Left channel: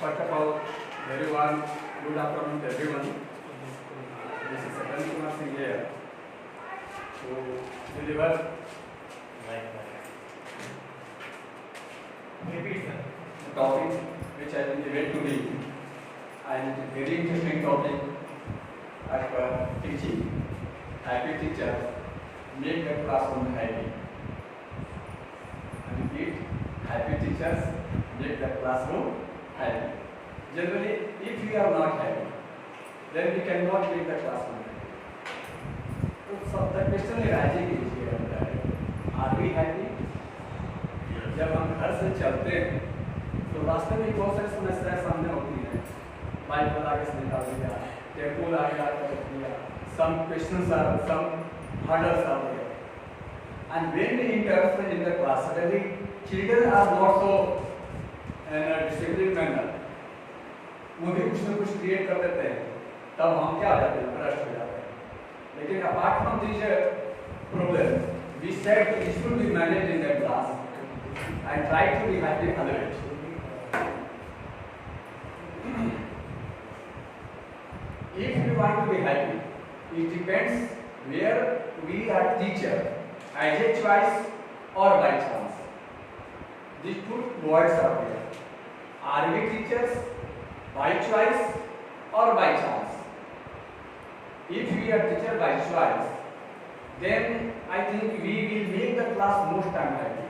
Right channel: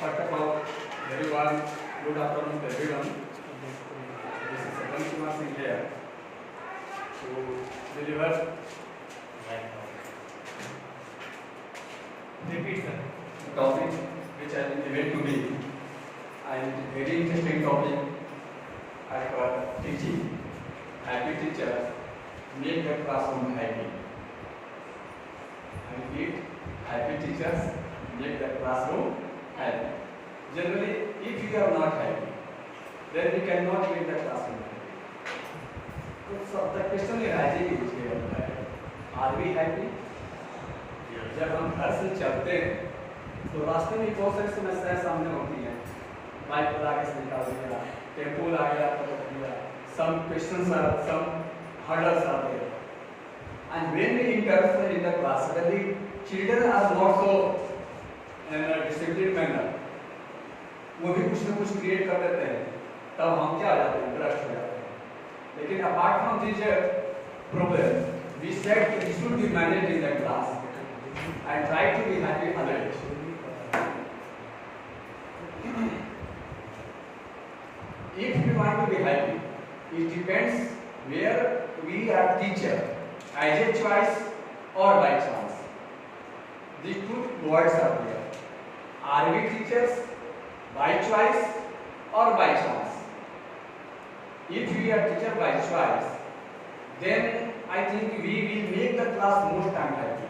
First of all, very warm good afternoon to everyone. This is Satyan Kumar Singh here to deliver the topic which I will debate to be, and very interesting topic as per teaching. Happy teachers make the classroom happy. And repeat, happy teachers make the classroom happy. Generally, if we are not happy, then we cannot make the classroom happy. So the question arises here, are we happy? जब हम घर से चलते हैं तो रास्ते में बहुत सारी समस्याएं सामने होती हैं. बाइक वाला आगे से निकाल दिया, टेम्पो आ गया तो रोक दिया. Some questions are, some hurdles are there. And when we interfere in the class, suddenly children are not so in a disciplined manner. वो भी कुछ न कुछ क्रिएट कर देते हैं, तब हम क्या हो जाते हैं, भ्रष्ट हो जाते हैं. लेकिन apart from this problem, we said it should be managed in the class and try to be happy alert. If we want to be happy, it depends where we are teacher, as a choice or by chance. These two words are there. Are we teachers by choice or by chance? If we are teacher by choice, then I think we will make the class most time happy.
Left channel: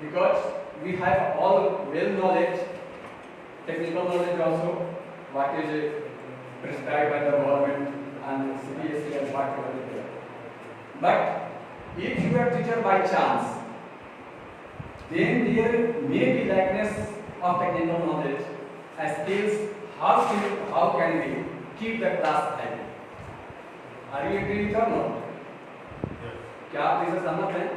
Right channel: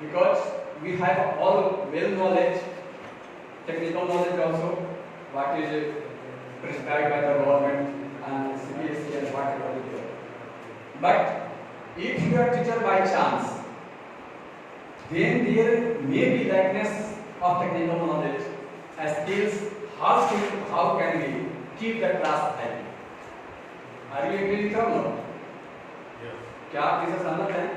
Because we have all well knowledge, technical knowledge also, what is prescribed by the government and CBSE and whatever is there. But if you are teacher by chance, then there may be lackness of technical knowledge as skills. How can we keep the class happy? Are you agree with or not? क्या आप इसे सहमत हैं?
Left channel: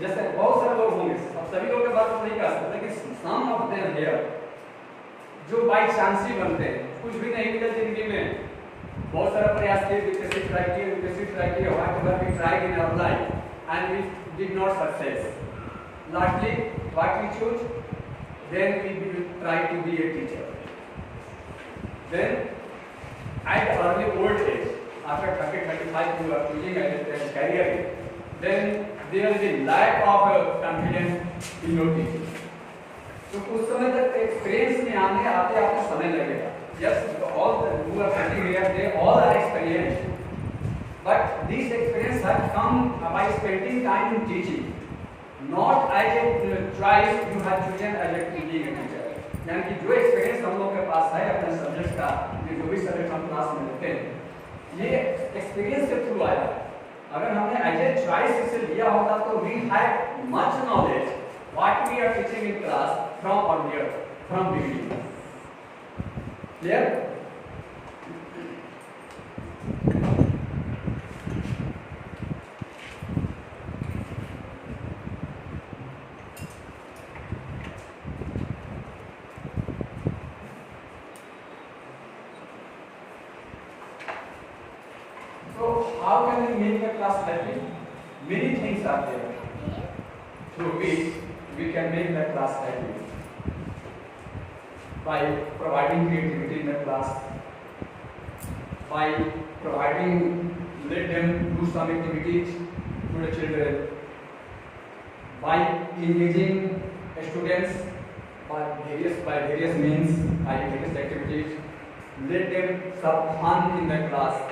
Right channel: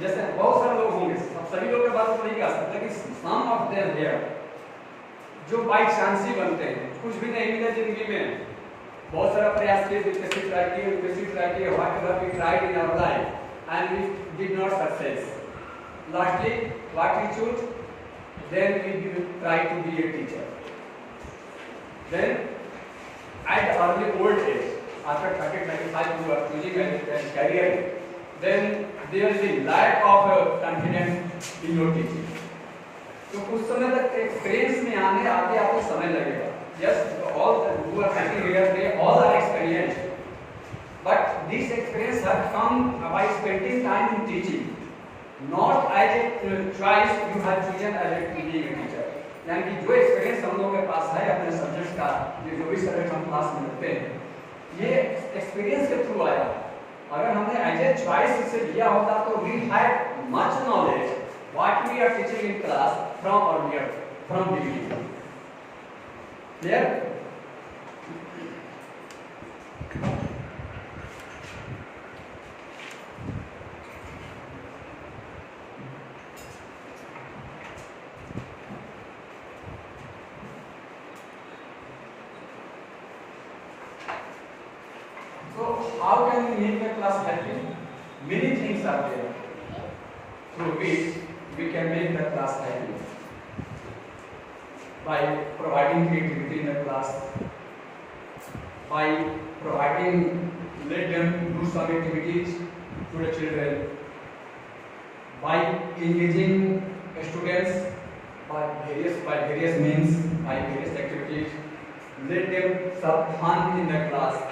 जैसे बहुत सारे लोग होंगे, अब सभी लोग की बात तो नहीं कर सकते, लेकिन some of them here जो बाई चांस ही बनते हैं, कुछ भी नहीं मिला जिंदगी में, बहुत सारा प्रयास किए, यूपीएससी ट्राई किए, whatever we tried in our life and we did not success. Lastly, what we choose? Then we will try to be a teacher. Then, at early old age, after 30-35 you are choosing a career, then there will be lack of confidence in your teaching. तो कुछ समय तक experience में आने आते आपको समय लगेगा. Yes, all who are sitting here, they all are experienced. But this experience has come by spending time in teaching, not as a choice you have chosen as a being a teacher. यानी कि जो experience हम लोगों के पास है अपने subject का, जो भी सब्जेक्ट हम क्लास में लेते हैं, ये एक्सपीरियंस के थ्रू आया. अगर हमने एज ए चॉइस इसे लिया होता तो we had much knowledge what we are teaching in class from earlier, from beginning. Clear? How can we make the class happy? Many things are there through which we can make the class happy. By providing creativity in the class, by providing, let them do some activities to the children, by engaging students by various means, by various activities, let them have fun in the class.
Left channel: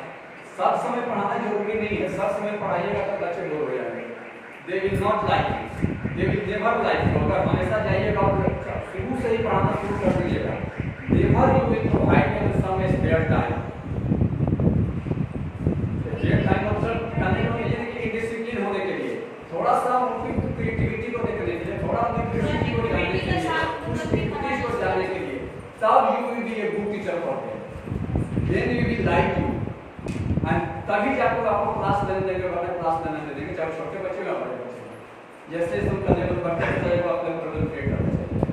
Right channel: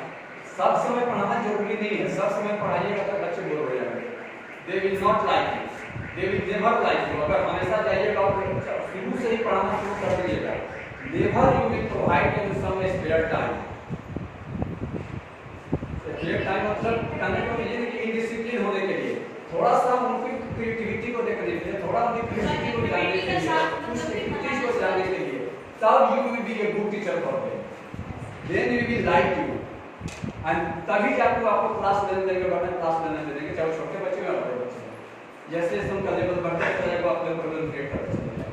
सब समय पढ़ाना जरूरी नहीं है. सब समय पढ़ाइएगा तो बच्चे बोर हो जाएंगे. They will not like it. They will never like you. अगर हमेशा जाइएगा और शुरू से ही पढ़ाना शुरू कर दीजिएगा, never you will provide them some spare time. Spare time मतलब कहने को ये नहीं कि indiscipline होने के लिए, थोड़ा सा उनकी क्रिएटिविटी को देखने के लिए, थोड़ा उनकी क्रिएटिविटी को जानने के लिए, कुछ एक्टिविटीज को जानने के लिए, तब you will be a good teacher for them. Then we will like you. तभी जाकर आपको क्लास लेने देंगे, बड़े क्लास लेने देंगे, चाहे छोटे बच्चे या बड़े बच्चे. जैसे हम कर लेंगे तो बढ़ते चलेगा, अपने प्रॉब्लम क्रिएट करते चलेंगे.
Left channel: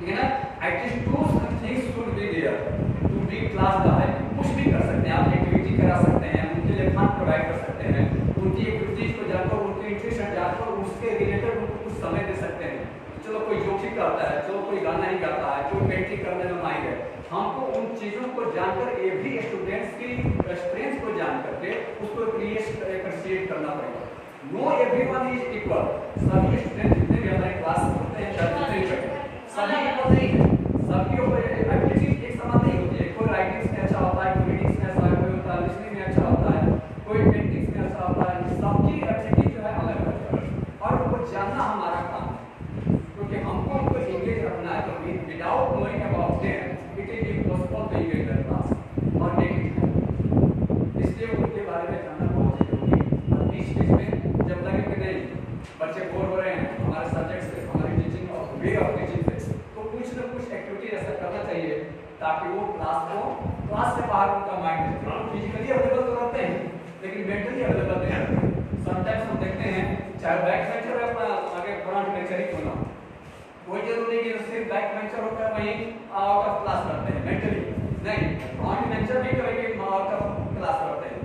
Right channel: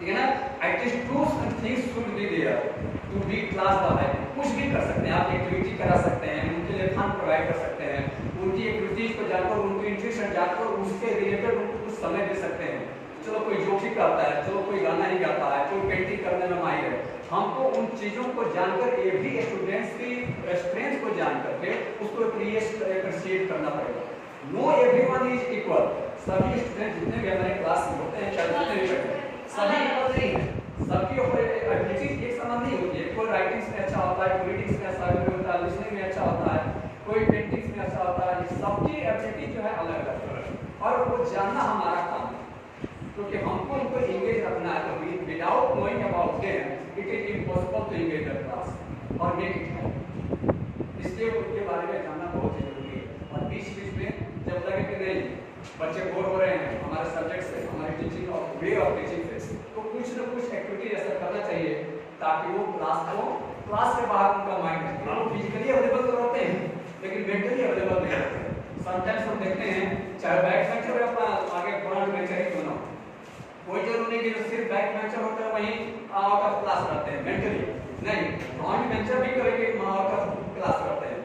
ठीक है ना? At least two things should be there to be class bye. कुछ भी कर सकते हैं आप, एक्टिविटी करा सकते हैं, उनके लिए फंड प्रोवाइड कर सकते हैं, उनकी एक्टिविटीज को जानकर, उनकी इंटरेस्ट जानकर उसके रिलेटेड उनको कुछ समय दे सकते हैं. चलो कोई जोखिम गाता है, जो कोई गाना ही गाता है, कोई पेंटिंग करने में माहिर है, हमको उन चीज़ों को जानकर एवरी स्टूडेंट्स की स्ट्रेंथ को जान करके उसको एप्रिशिएट करना पड़ेगा। नो एवरीवन इज इक्वल, सभी स्टूडेंट जितने भी हमारे क्लास में होते हैं जितने भी बैठे हैं सभी इक्वल नहीं है, सबकी एबिलिटीज एक समान नहीं होती है। कोई राइटिंग्स में अच्छा होता है, कोई रीडिंग्स में अच्छा होता है, लिसनिंग में अच्छा होता है, कोई पेंटिंग्स में अच्छा होता है। सबकी एबिलिटी जो है अलग अलग है और वो जानना हमारा काम है, क्योंकि हमको उनको इंगेज रखना है। तो without knowing about them it is impossible to engage the class और मेक इट हैपन। इसलिए उनके बारे में जानना बहुत जरूरी है। बीच में जब लगे कि नहीं बच्चे बोर हो रहे हैं हमारे सब्जेक्ट से, हमारी टीचिंग और वे ऑफ टीचिंग से, तो कुछ न कुछ एक्टिविटी ऐसा करना चाहिए ताकि वो क्लास से बाहर उनका माइंड फिजिकली अवेलेबल तो रहते हैं लेकिन मेंटली अवेलेबल नहीं रहते। समटाइम्स हम देखते हैं चाहे बैक बेंचर है अपना आगे फ्रंट बेंचर ही क्यों ना, कोई जरूरी नहीं कि सिर्फ बैक बेंचर होता है वहीं आउट ऑफ क्लास रहते हैं मेंटली, नहीं फ्रंट बेंचर भी कभी आउट ऑफ क्लास रहते हैं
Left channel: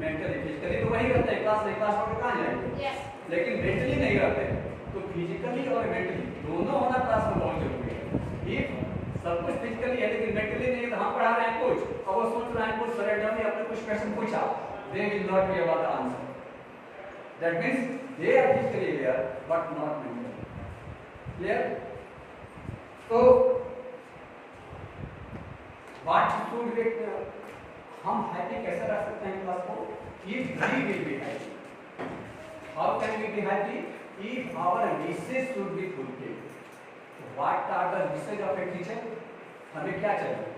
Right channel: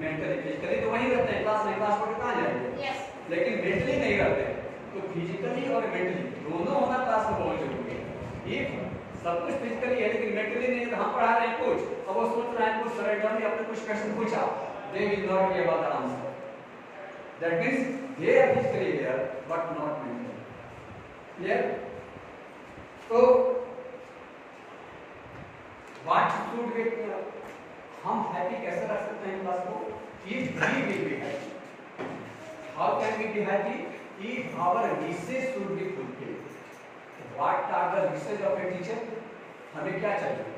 मेंटली। फिजिकली तो वहीं रहते हैं क्लास में, क्लास में कहाँ जाएंगे, लेकिन मेंटली नहीं रहते हैं। तो फिजिकली और मेंटली दोनों होना क्लास में बहुत जरूरी है। एक सब कुछ फिजिकली है लेकिन मेंटली नहीं, तो हम पढ़ा रहे हैं कुछ अब वो सोच रहे हैं कुछ सरेंडर में आपने कुछ क्वेश्चन पूछा, they will not be able to answer. That means they are physically here but not mentally. Clear? So what should we हम happy कैसे रख सकते हैं क्लास को? If we will be happy. How can we be happy? If our wishes should be fulfilled. What are the wishes of a teacher? हमें क्या चाहिए?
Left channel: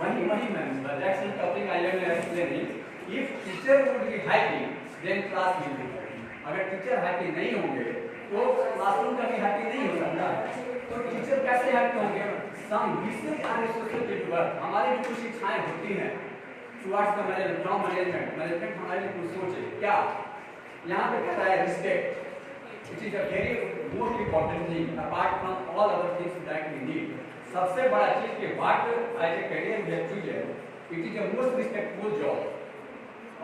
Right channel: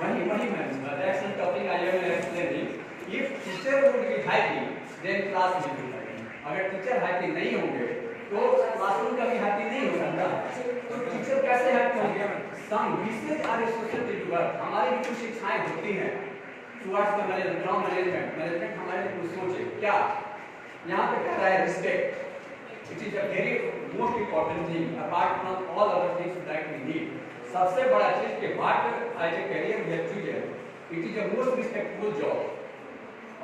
वही ma'am reaction topic I am explaining. If teacher would be happy then class will be happy. अगर teacher happy नहीं होंगे तो classroom का भी हैप्पी नहीं हो सकता। तो टीचर कैसे हैप्पी होंगे? Some wishes are associated to work, हमारी भी कुछ इच्छाएं होती हैं towards the management, from management हमारे लिए कुछ सोचे क्या। यहाँ पे कह रहा है respect, it is a very most important thing apart from all other things that we need. सबसे बड़ा चीज के बाद एज ए करियर व्यक्ति है it is a most respectful job.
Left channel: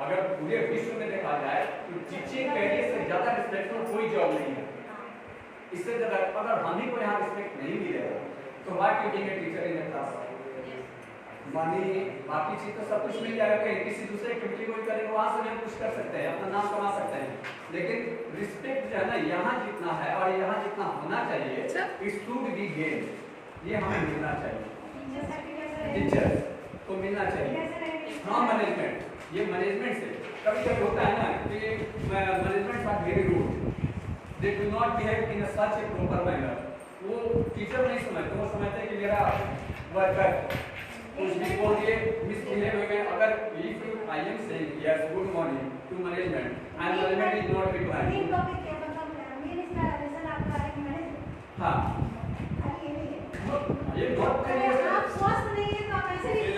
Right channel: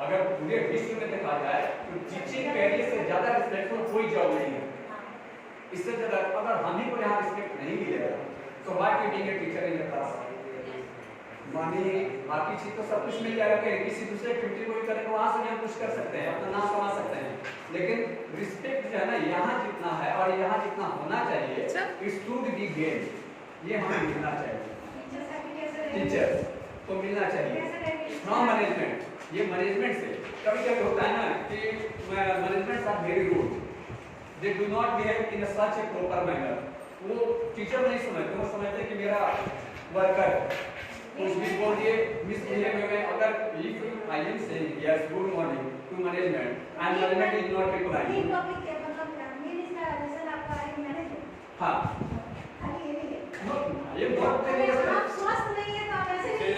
अगर पूरे विश्व में देखा जाए तो टीचिंग करियर से ज्यादा रिस्पेक्टफुल कोई जॉब नहीं है। इससे ज्यादा अगर हम ही को यहाँ रिस्पेक्ट नहीं मिलेगा तो what you being a teacher in the class. Money बाकी चीज तो सब कुछ मिल जाएगा, कहीं किसी दूसरे एक्टिविटी कोई करेगा वहां से हम कुछ कर सकते हैं, अपना नाम कमा सकते हैं, लेकिन रिस्पेक्ट जो है ना यहाँ जितना है और यहाँ जितना होना चाहिए इट शुड बी गेन, ये हमें मिलना चाहिए। टीचर्स को मिलना चाहिए फ्रॉम मैनेजमेंट। ये मैनेजमेंट से कभी कभी होता है ना कि management are very rude, they do not behave in such a proper manner. वो टीचर नहीं समझते, वो समझते कि मेरा वर्कर कुछ भी बोल दिए मिसबिहेव हुए। अगर if I am saying yes good morning to management and management is not replying, हाँ ये बहुत आप स्वस्थ नहीं है तो आप ऐसे नहीं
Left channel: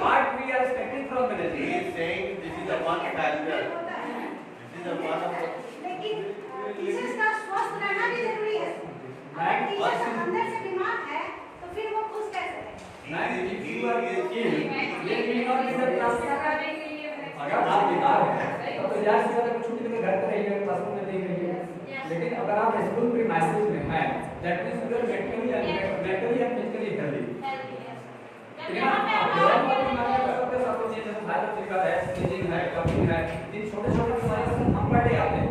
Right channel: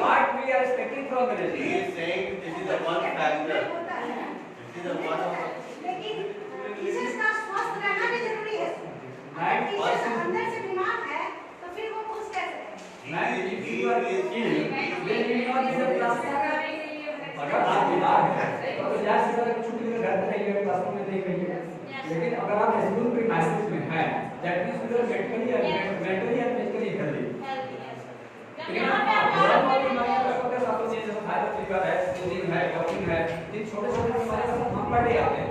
what we are expecting from management. He is saying this is the one factor, this is the one of the, लेकिन टीचर्स का स्वस्थ रहना भी जरूरी है। अगर टीचर्स अंदर से बीमार है तो फिर वो खुश कैसे है? अगर आप बीमार हैं तो यार से अगर छुट्टी लेकर घर पे रहिए, क्लासरूम में नहीं करिए, लेकिन अगर आप स्कूल के मैसेज में हैं that means you are mentally and physically healthy. छोटे छोटे हम पढ़े आते हैं,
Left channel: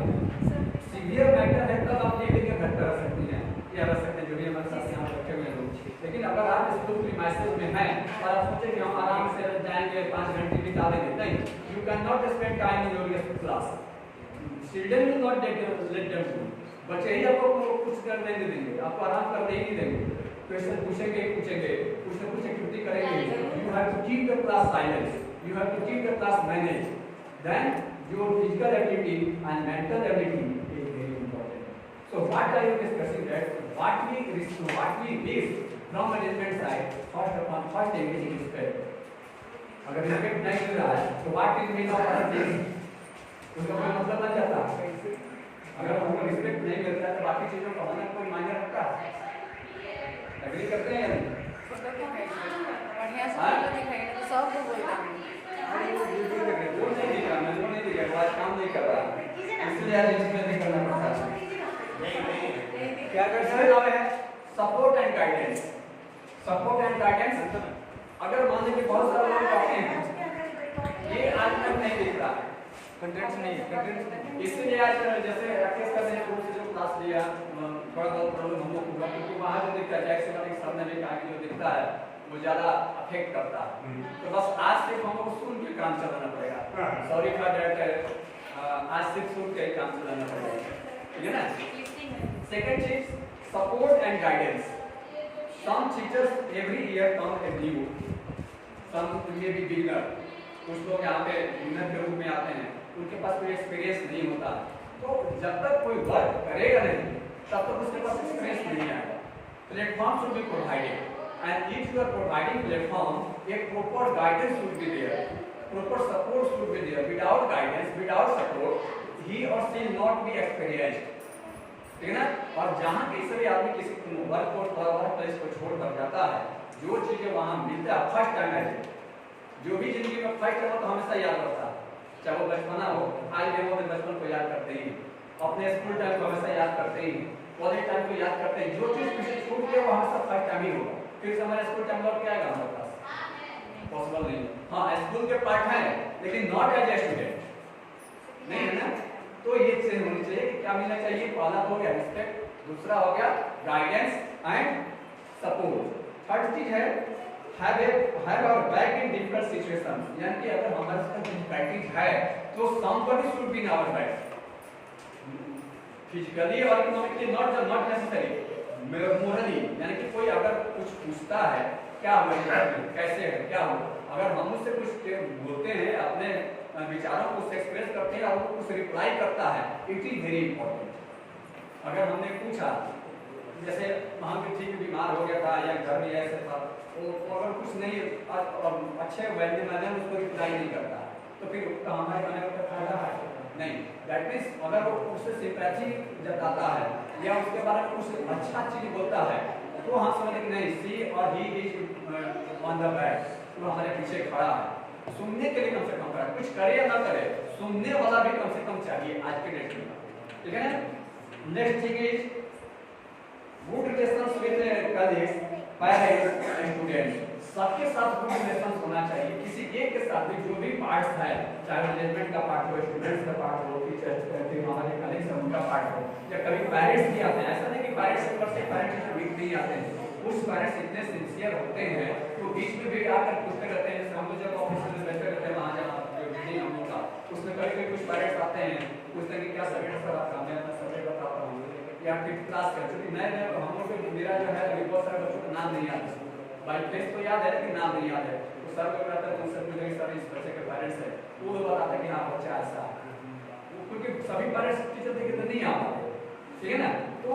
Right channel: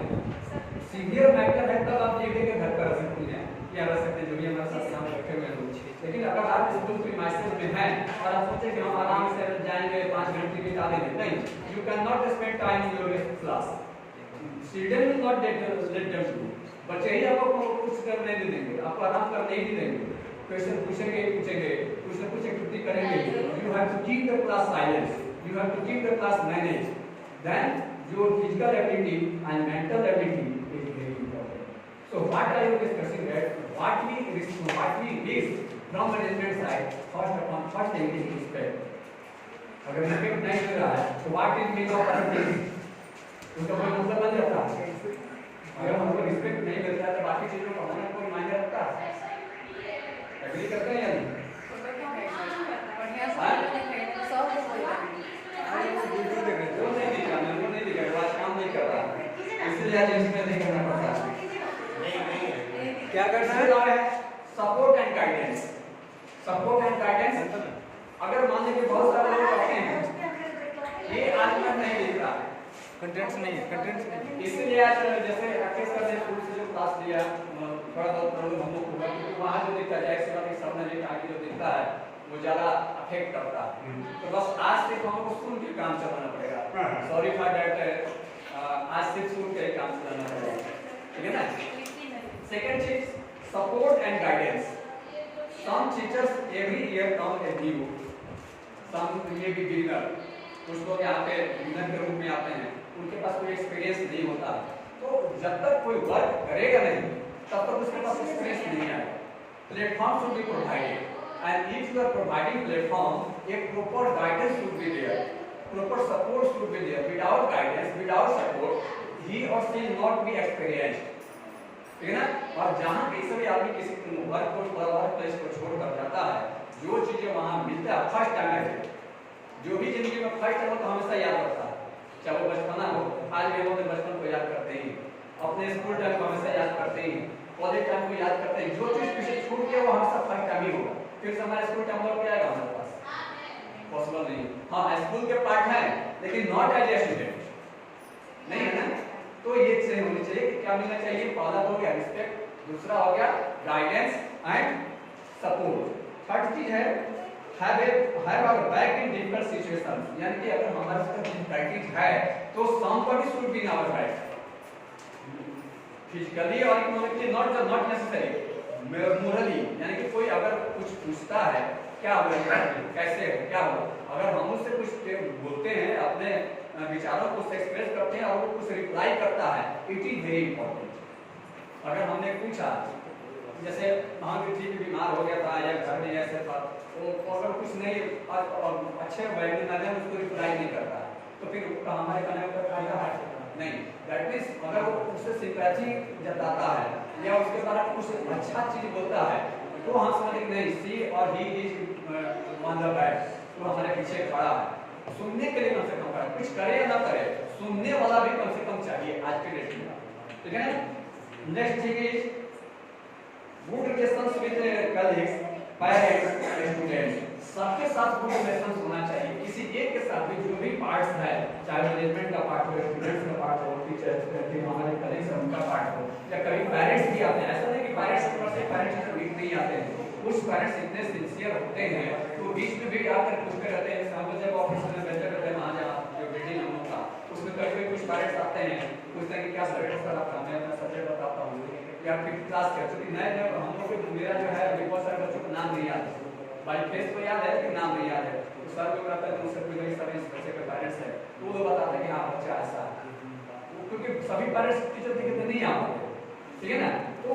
सीवियर मैटर है तब आप ये करिए घर पर रह सकते हैं या रह सकते हैं जो भी हमारे साथ यहाँ रखे हुए हैं। लेकिन अगर आप स्कूल के मैसेज में हैं और आप सोचें कि हम आराम से जाएंगे 5 घंटे बिता देंगे, नहीं, you can not spend time in your class. Children will not let them do, बच्चे ही आपको कुछ करने नहीं देंगे, आपको आराम करने ही नहीं देंगे। क्वेश्चन पूछेंगे कुछ न कुछ एक्टिविटी करेंगे। You have to keep the class silence, you have to keep the class manage, then your physical activity and mental activity is very important. So what are you discussing that what we wish from management side, first thing is respect। अगर respect नहीं मिल रहा है तो what is mean of other things, उसका कोई मतलब नहीं रहता। अगर हमको रिस्पेक्ट नहीं मिलता तो बाकी चीजों का होना कोई मायने रखता है? एग्री करते हैं या नहीं? वो नहीं दिख रहा, मेरे को नहीं दिख रहा, आज काम नहीं कर रहा, इसलिए आज नहीं करना पड़ता। क्या करना है? Support and guidance. Support and guidance, अगर मान लीजिए बहुत सारे लोग कहते हैं ये आज तक नहीं दिख रहा, कंटेंट्स नहीं है, कंटेंट्स नहीं। इसीलिए आज जैसे राकेश सर ने स्कूल से जो क्लास लिया थोड़ा बहुत प्रॉब्लम हम लोग हुआ, क्योंकि वहाँ जो दिखता है एक्स वाले सामने में आगे जो दिखता है वो ज़्यादा अफेक्ट करता है। तो बस आज से हम लोग सुन के काम चलाना पड़ेगा। सॉरी फॉर दैट, आज सिर्फ सुन के काम चलाना पड़ेगा, ठीक है ना। सेकंड चीज, support and guidance. Some teachers every year come a new, some ये भी बिगिनर, कुछ लोग यहाँ पे बिगिनर के रूप में आते हैं, उनके पास कोई एक्सपीरियंस नहीं होता है, तो जब तक कोई वर्क करेगा नहीं तब तक उसके पास एक्सपीरियंस नहीं आएगा। Platform should be provided, and if you are providing platform, एक proper guidance should be there, proper support should be there. Without guidance, without support, he or she will not be experienced, ठीक है ना। और जहाँ किसी भी आदमी किसी वर्क प्लेस को छोड़कर जाता है, जो चीजें वहाँ मिलता है फर्स्ट टाइम है, जो भी जिंदगी में फर्स्ट टाइम हो तो हमेशा याद रहता है, चाहे वो बचपना हो, आज भी हम अपने बचपन को याद करते हैं, अपने स्कूल टाइम को हमेशा याद करते हैं, कॉलेज टाइम को याद करते हैं, जो चीज पीछे छूट गया वो हमेशा फर्स्ट टाइम ही होगा, फिर से हमारा स्कूल टाइम और क्या आएगा हमारे पास, पॉसिबल नहीं है। हाँ, स्कूल के पार्ट है लेकिन नॉट एज ए स्टूडेंट, नहीं है ना। तो ये चीज होनी चाहिए कि क्या मिलना चाहिए, पहला हो गया रिस्पेक्ट, दूसरा हो गया गाइडेंस एंड सपोर्ट। थर्ड चीज है have a back in difficult situations, यानी कि अगर हमारे साथ डिफिकल्टीज है तो somebody should be in our back, physically और इकोनॉमिकली, नॉट नेसेसरी, मोरली, यानी कि कोई अगर कुछ पूछता है क्या हो रहा है, कैसे है, क्या हो, अगर हम उससे कुछ बोलते हैं, अपने विचारों को एक्सप्रेस करते हैं और वो कुछ रिप्लाई करता है, इट इज वेरी इंपॉर्टेंट। अगर हमने पूछा, जैसे हम ठीक बीमार हो गया था या घर में ऐसे था, तो अगर कुछ नहीं अच्छे वैल्यू मैंने उसको रिप्लाई नहीं करता, तो फिर हमारे कहने का फायदा है नहीं। दैट मीन्स अगर वो उससे सिंपैथी जताता है या उसके बारे में कुछ अच्छा चीज बोलता है, तो हम समझे कि नहीं, सी और he is on the back, तो हमारे पीछे खड़ा है। सुनने के लिए कम से कम खड़ा, कुछ करे या ना करे, सुनने वाला भी कम से कम चाहिए आज के डेट में, ठीक है ना। Next thing is good relations with colleagues, parents, students, सबके साथ गुड रिलेशंस होना चाहिए। किसी एक के साथ भी जो भी पार्ट्स है, चाहे मैनेजमेंट का पार्ट हो, स्टूडेंट्स का पार्ट हो, टीचर्स हमारे कलीग्स उनका पार्ट हो, या कभी पेरेंट्स भी आते हैं, ऐसा नहीं कि पेरेंट्स के पास पेरेंट्स वीक नहीं आते हैं, कुछ पेरेंट्स इतने सिंसियर होते हैं तो बीच में भी आकर पूछते रहते हैं। हम लोग जब ऑफिस में बैठते रहते हैं वहाँ जब मीटिंग हम लोग का, उसमें कभी कुछ पेरेंट्स आते हैं, पूछते हैं कि क्या सब्जेक्ट सर आपका, मैं अपना सब्जेक्ट बताता हूँ या फिर क्लास का, क्योंकि मैं हम लोग मेरा जो है बहुत सारे बच्चों को नाम नहीं याद है, बाई फेस तो याद है लेकिन नाम नहीं याद है, तो सर को कहता है उनसे पूछेंगे सर इस बच्चे के पेरेंट्स है, तो वो बताते हैं कि हाँ बच्चा ऐसा है, क्योंकि सभी पेरेंट्स टीचर देखे तो नहीं आ पाते, ठीक है ना। तो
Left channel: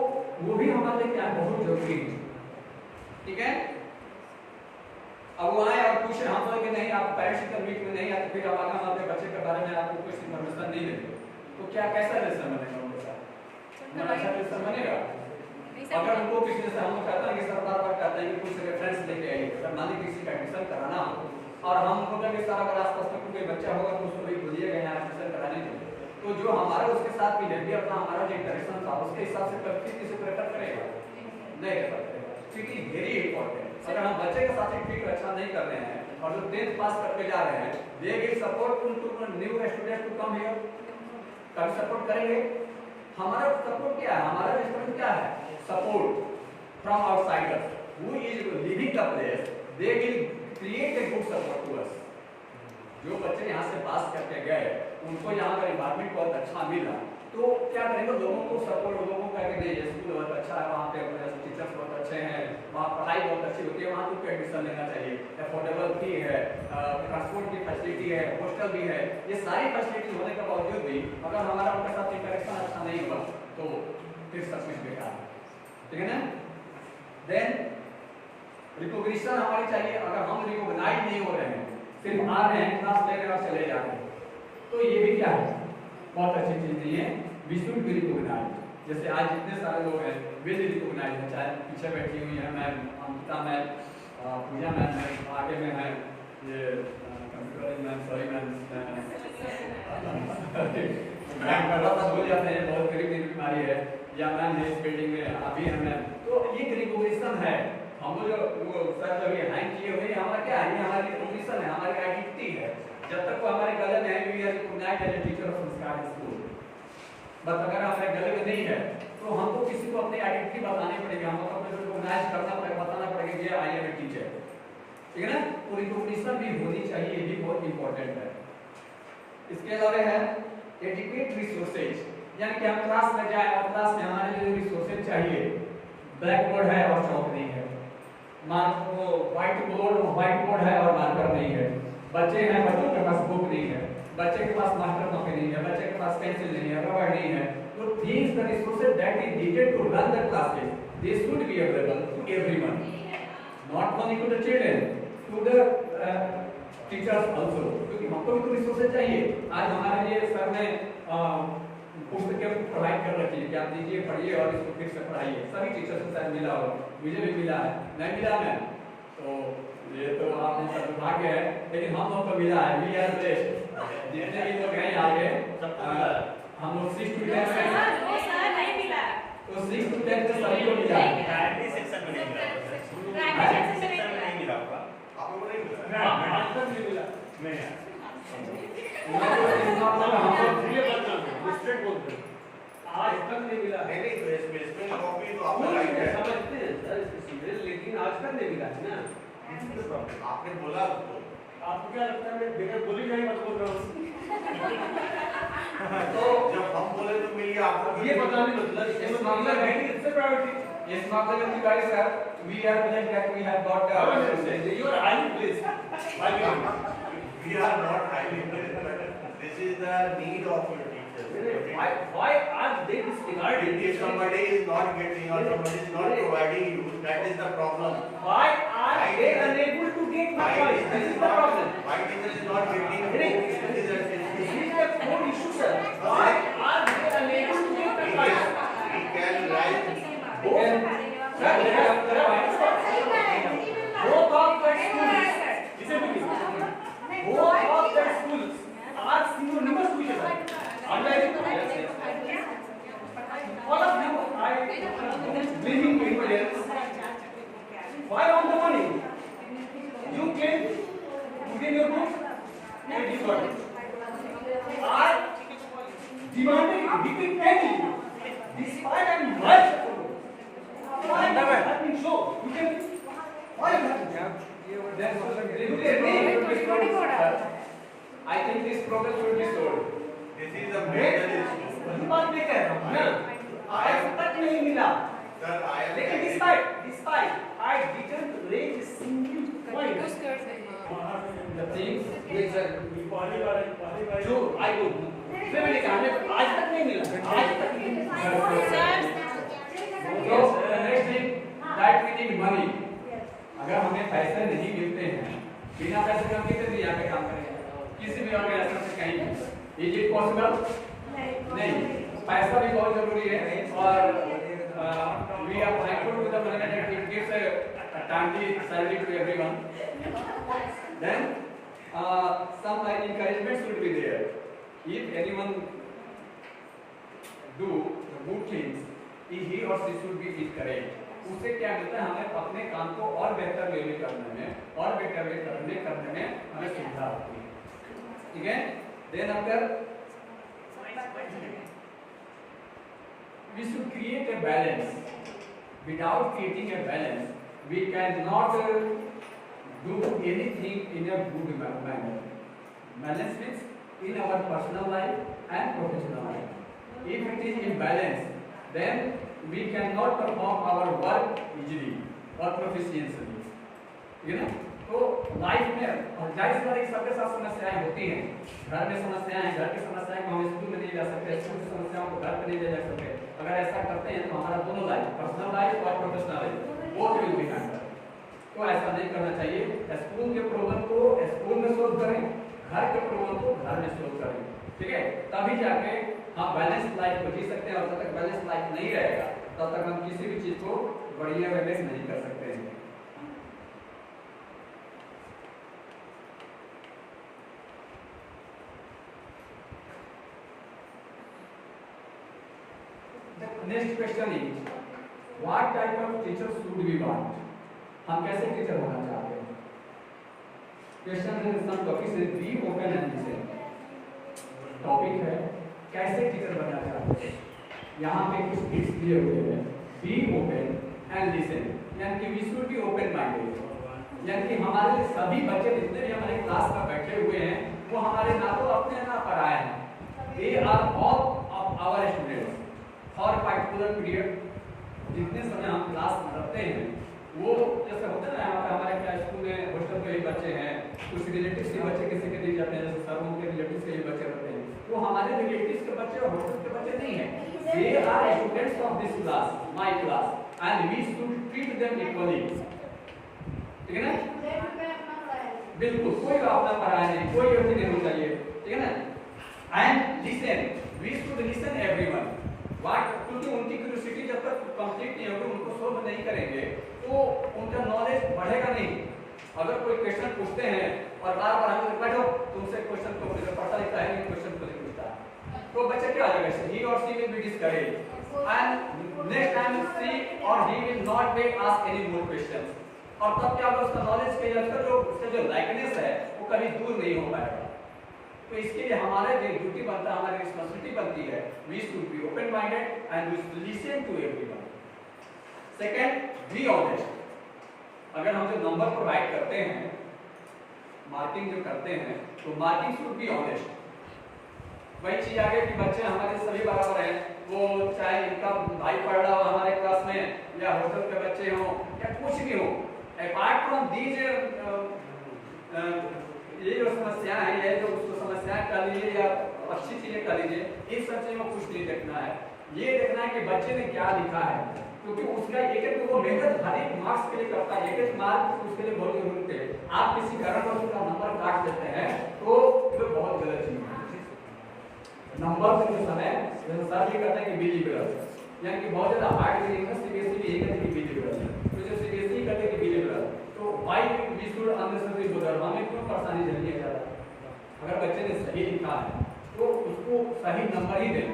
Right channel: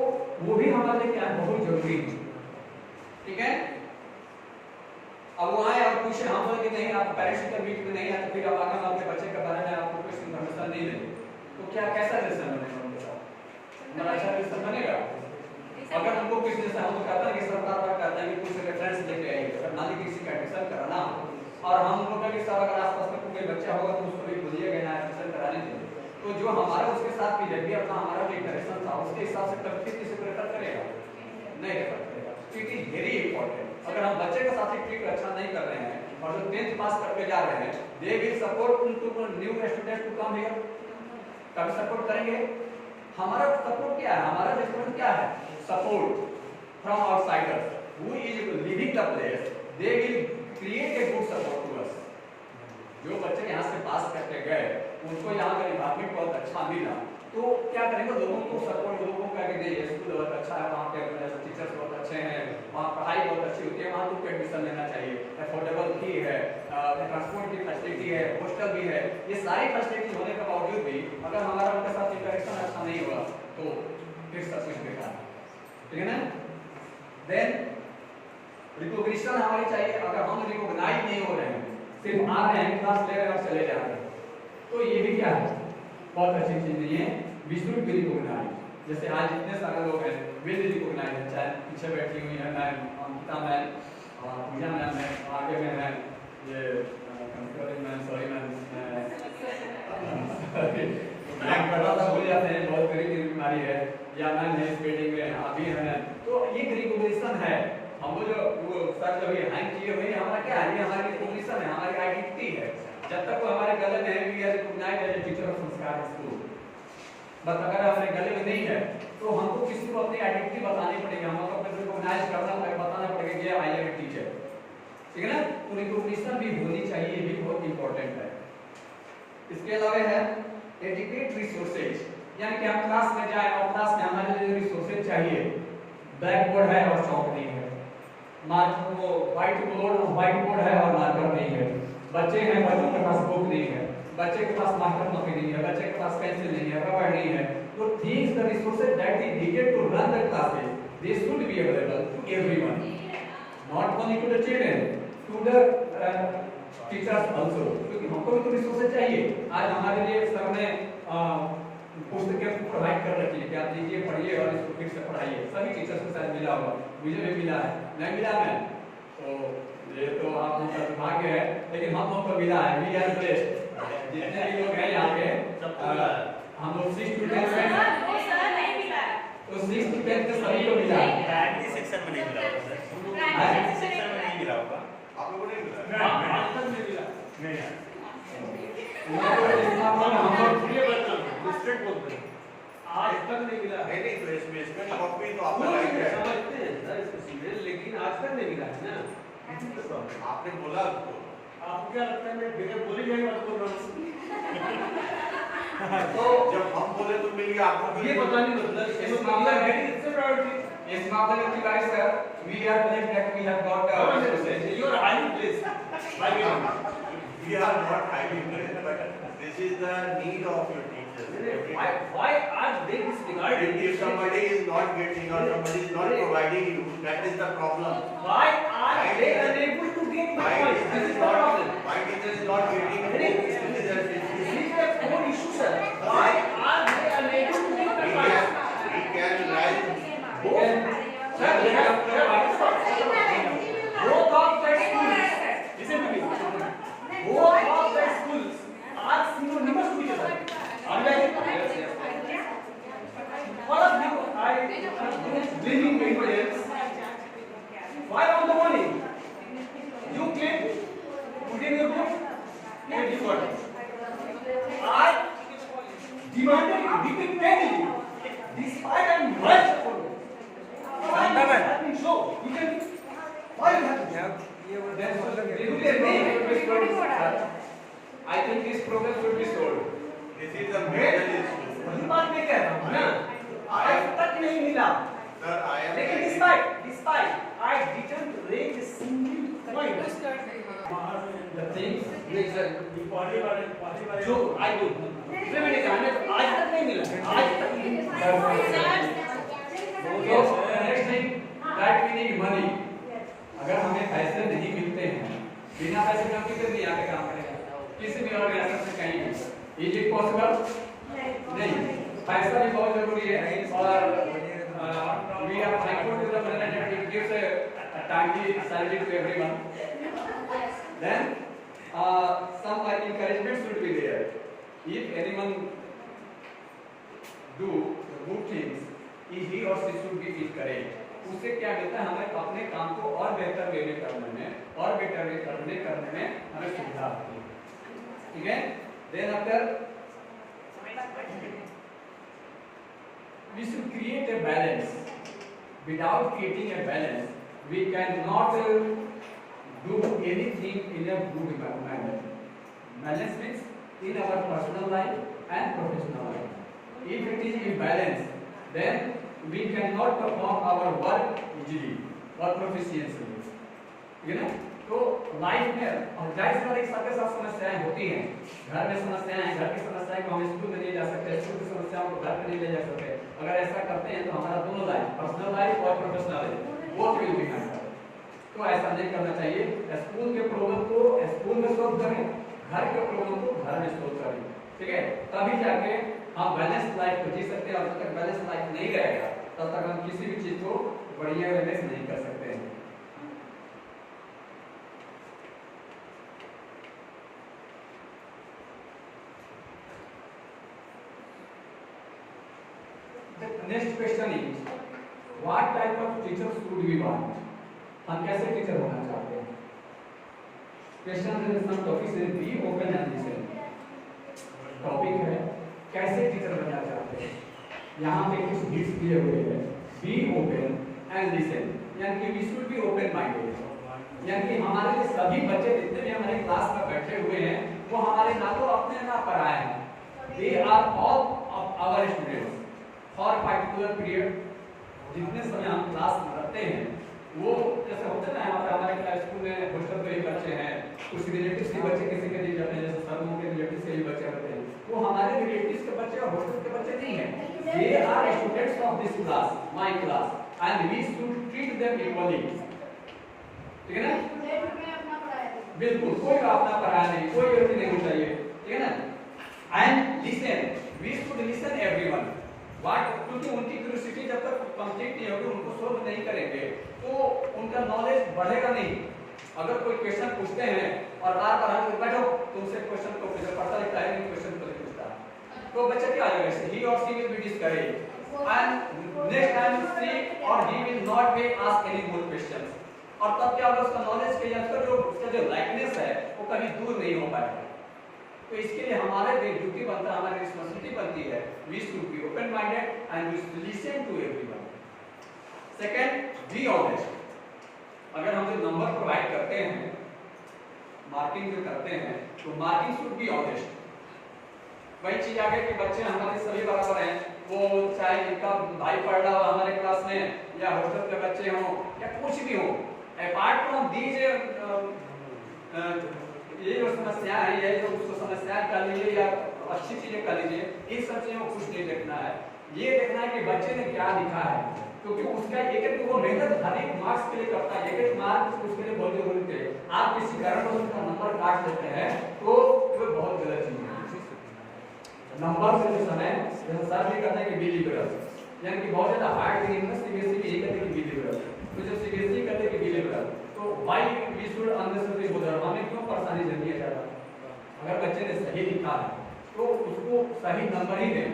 वो भी हमारे लिए क्या बहुत जरूरी है, ठीक है। अब वो आए और पूछे, हम बोले कि नहीं आप पेरेंट्स टीचर मीट में नहीं आते, फिर अब आगे हम अपने बच्चे के बारे में आपको कोई इन्फॉर्मेशन नहीं देंगे, तो क्या कैसा रिलेशन बनेगा उनके साथ, हमारा अच्छा रिलेशन बनेगा। अगर उनको किसी जैसे हम लोग कहते हैं कि सरकार पर कहते हैं कि कुछ रेफरेंस लेके आइए, अगर मान लीजिए किसी का एडमिशन कराना हो और हम लोग का सारा अगर आसपास में कोई बच्चा होगा तो उसको भी बोलिएगा यहाँ एडमिशन कराने के लिए, तो जो हमारा उसके साथ बिहेवियर था, हमारा जो इंटरेक्शन था, उसके हिसाब से फिर किसी को रेफर करेगा, नहीं रेफर करेगा। It is very important. अगर हम बच्चे के साथ ट्रीट अच्छा नहीं कर रहे हैं और जो 10th पास करके जा रहे हैं, they will support to new student to come here, कभी सपोर्ट करेंगे। हमारा सपोर्ट क्या है, हमारा रिस्पॉन्स क्या है, support from outsiders who is living the place, they will create a good support to us. जो बच्चे यहाँ से पास करके गए, उनको यहाँ का एनवायरनमेंट बहुत अच्छा मिला, तो क्या करेंगे, लोगों को सपोर्ट, लोगों को कहेंगे नहीं स्कूल बहुत अच्छा है, वहाँ पे टीचर्स बहुत अच्छे हैं, वहाँ पढ़ाई बहुत अच्छी होती है, वहाँ तुमको एडमिशन लेना चाहिए, अफोर्डेबल फी है, ट्रांसपोर्ट की फैसिलिटी है, हॉस्टल भी है, ये सारी फैसिलिटी होने के बावजूद भी अगर हमारा उनके साथ इंटरेक्शन अच्छा नहीं हुआ तो फिर सब कुछ बेकार है, ठीक है ना। देन रिकॉग्निशन हमारी चाहिए। अगर हम रिकॉग्नाइज नहीं हो रहे हैं, सिर्फ आ रहे हैं क्लास ले रहे हैं और चले जाते हैं, तो ये भी क्या है, बहुत अच्छी चीज नहीं है। We should be recognise. जैसे आज इतने सारे लोग हैं विल रिकॉग्नाइज है, चाहे पीछे बैठी हुई है मैम अमिता मैम, पूजा मैम है, आगे में है ये कंप्यूटरिंग मैम, सॉरी मैम, भूल जाते हैं, बहुत गरीब बीमारी है, या नन है इस बिल्डिंग में अभी हमें, तो ये रिकॉग्निशन है। हम जो सर जो ये हैंग किए हुए हैं, हमारा क्या है, ये हमारी रिकॉग्निशन है, हमारी आइडेंटिटी है। जब तक वो हमारे गले में है, we are recognised as teacher of Sanskar school. बस अगर हमारे गले में नहीं है तो हमको किसी को अपनी आइडेंटिटी बतानी पड़ेगी, हमको अपने रिकॉग्नाइज करना पड़ेगा, बताना पड़ेगा कि आई एम ए टीचर, ठीक है ना। तो रिकॉग्निशन भी होनी चाहिए, ये भी बहुत इंपॉर्टेंट है। इसके अलावा है एडिक्वेट रिसोर्सेज, यानी कि हम क्लास में जाए और क्लास में हमारे लिए रिसोर्सेज चाहिए। ब्लैक बोर्ड है और चौक नहीं है, मार्कर वो व्हाइट बोर्ड है और मार्कर नहीं है, बच्चे हैं, बच्चों के पास बुक नहीं है, बच्चे के पास मार्कर कॉपी नहीं है, बच्चे के पास पेंसिल नहीं है, रबर नहीं है। तो things the resources that is needed to run the classes, they should be available to everyone, not only to the children, to the teachers also, क्योंकि हमको भी तो रिसोर्सेज चाहिए। आज हमारे लिए सर ने पुस्तकें प्रोवाइड कर रखी है कि आप लीजिए, पढ़िए और इसको फिर से पढ़ाइए। सभी टीचर्स को शायद मिला होगा, मुझे भी मिला है, नहीं मिला है तो ये तो आप लोगों का दुर्भाग्य है, लेकिन हम लोग को मिला है। वी आर ब्लेस्ड, जितने भी लोग हैं यहाँ पे, हम लोग 6 टू 10 में, तो 6 टू 10 में सभी को मिला है। प्राइमरी सेक्शन में नहीं मिला, प्राइमरी सेक्शन में नहीं मिला होगा, आप लोगों को नहीं मिला, आज तक नहीं मिला, नहीं यार हम लोग ये बदल स्ट्रेट बोलते हैं, आज तक नहीं मिला। नहीं तो इसमें कॉपी तो आपका राइट है, समझते हैं सर इसको सीरियल, लेकिन आज तक नहीं मिला है ना। आपने बोला उसको, आपको क्या लगता है मैं बगैर बोली नहीं मत बोल रहा हूँ। तो जब हम बोले तो मिल गया आपको, ये पता नहीं मतलब इस मामले में इससे प्रायोरिटी, इस मामले में Tiwari sir, we are blessed that we have got resources, you are highly blessed by me. We are not highly blessed, but this is the need of your teachers. Why are they disregarding? If somebody is not getting or somebody is not providing you, that is the problem. Why are they unable to get the point? This is the problem. Why teacher is not getting the This is a core issue, sir. Why are they unable to get the point? he can rise. Sir, both of the schools, listen to me. Both of the schools are synonymous to each other. Unlike all of you are blaming anybody else. Why on the morning you came, put in your book and you got it. I demanded it repeatedly, despite and much effort. Why have been so? You can. Why you have been? I think this progress will be solved. This is the major issue. वही बात मैं कह रहा हूँ ना, आज तक नहीं मिला। Sir, I am. लेकिन despite I didn't raise a single point. The things जो I do, इसमें मैंने कहा ना, आज तक नहीं मिला, आज तक नहीं मिला। So the next thing that we need money. अगर हमें पैसे नहीं मिलते हैं, बिना पैसे के हम कितने दिन यहाँ पे काम करेंगे, किसी भी ऑर्गेनाइजेशन से कहीं भी, इज इट पॉसिबल? नहीं, पैसा भी बहुत जरूरी है। और we are thankful to the management that gives a timely salary to everyone. Then some like encouragement should be there. If anyone do good things, he or she should be encouraged. उससे क्या मिलता है, हमें अपने काम को और बेहतर वे में करने में और बेटर वे करने में हमें सुविधा होती है, ठीक है। Then after we should create a balance, without creating a balance we can not do anything in a good manner. Balance means in our personal life and professional life. If it is imbalance, then we cannot perform our work easily or proficiently, ठीक है ना। तो life में और जाहिर सी बात है सबके साथ समस्याएं होती हैं, घर में समस्याएं हैं, घर की समस्याएं को हम स्कूल में नहीं जा सकते, स्कूल की समस्याओं को घर पे नहीं ले जा सकते। अगर ऐसा करते हैं तो हमारा दोनों लाइफ, पर्सनल लाइफ और professional life, both will be hampered. तो ऐसा नहीं करना चाहिए। स्कूल के प्रॉब्लम को स्कूल में सॉल्व करें, घर के प्रॉब्लम को घर में सॉल्व करें, ठीक है। तभी जाके हम बैलेंस लाइफ को जी सकते हैं। और जब तक बैलेंस लाइफ नहीं रहेगा तब तक हम किसी भी चीज को बढ़िया वे में नहीं कर सकते हैं। Next question is what type of teacher should we want? हम कैसे टीचर होना चाहते हैं? क्वेश्चन इज सम टॉपिक से be open and listen. Topic है कैसे टीचर बनना चाहते हैं। यहाँ पे कुछ हिंट्स दिए हुए हैं। बी ओपन एंड लिसन, यानी कि we should be open minded, यानी कि हमारे जो सभी बच्चे जितने भी हमारे क्लास में बैठे हुए हैं वो हमारे ना तो अपने ना पढ़ाए हैं, they are all our students for particular period. जितने समय हम क्लास में रहते हैं वो जैसे होता है ना, हमारे स्कूल में हॉस्टल के भी बच्चे हैं, कुछ रिलेटिव्स के बच्चे किसी के दिए जाते हैं, जैसे सरों के रिलेटिव्स के भी बच्चे रहते हैं, वो हमारे रिलेटिव्स के बच्चे और हॉस्टल के बच्चे नहीं हैं, they are students of this class, my class, and we should treat them equally. ठीक है ना? बिल्कुल, कोई का अपना पढ़ाया नहीं, कोई गलती नहीं होनी चाहिए। ठीक है ना? And listen, we should listen everyone. What, क्योंकि उनकी क्यूरियोसिटी जब तक कंप्लीट नहीं होगी, उनको सोल्व नहीं करेंगे तो उनका नॉलेज बढ़ेगा नहीं। अगर कोई क्वेश्चन पूछते हैं और बार बार हम बैठो तुमसे क्वेश्चन को पढ़ता लिखता है लेकिन क्वेश्चन को नहीं पूछता तो बच्चे क्या हो जाएगा, ही और she will be discourage and next time she और he will not be ask any more questions. और तब क्या होगा, उसका नॉलेज के अंदर जो उसका जो लाइकनेस है वो कभी दूर नहीं हो पाएगा। तो इसके लिए हमारे ड्यूटी बनता है, हमारी रिस्पांसिबिलिटी बनती है, we should be open minded and we should listen to everyone. Second, be honest. अगर हम जो नंबर प्रोवाइड करते हैं, मार्किंग जो करते हैं, तो मार्किंग शुड बी ऑनेस्ट। वही चीज आगे कि बच्चे हमारे सभी बराबर हैं, वो चाहे इनका भाई पढ़ रहा हो हमारे क्लास में या हॉस्टल के बच्चे हों या कुछ भी हो, अपार्ट फ्रॉम दीज ये जो समस्या है, ये जो समस्या कह लीजिए या अच्छी चीजें कह लीजिए, इन सब चीजों को कुछ नहीं देखना है। ये देखना है कि बच्चे ने क्या लिखा है, क्योंकि उसका एक एक वो मेहनत हर एक मार्क्स के लिए करता है, एक एक मार्क्स उसके लिए बहुत जरूरी है। आप किसी कारण का नंबर काट लेते हैं तो ये बहुत गलत चीज है। नंबर से जो समय जैसे सर भी कहते हैं कि बिलीवरल, यानी कि बहुत ज्यादा हार्ड नहीं है, सीबीएसई भी यही कहते हैं कि बिलीवरल। तो जब सीबीएसई कहते हैं कि बिलीवरल, तो why we should unnecessary bother, हमें क्यों परेशानी झेलनी है ज्यादा? अगर बच्चे ने सही लिखा है तो उसको सही नंबर ही दें।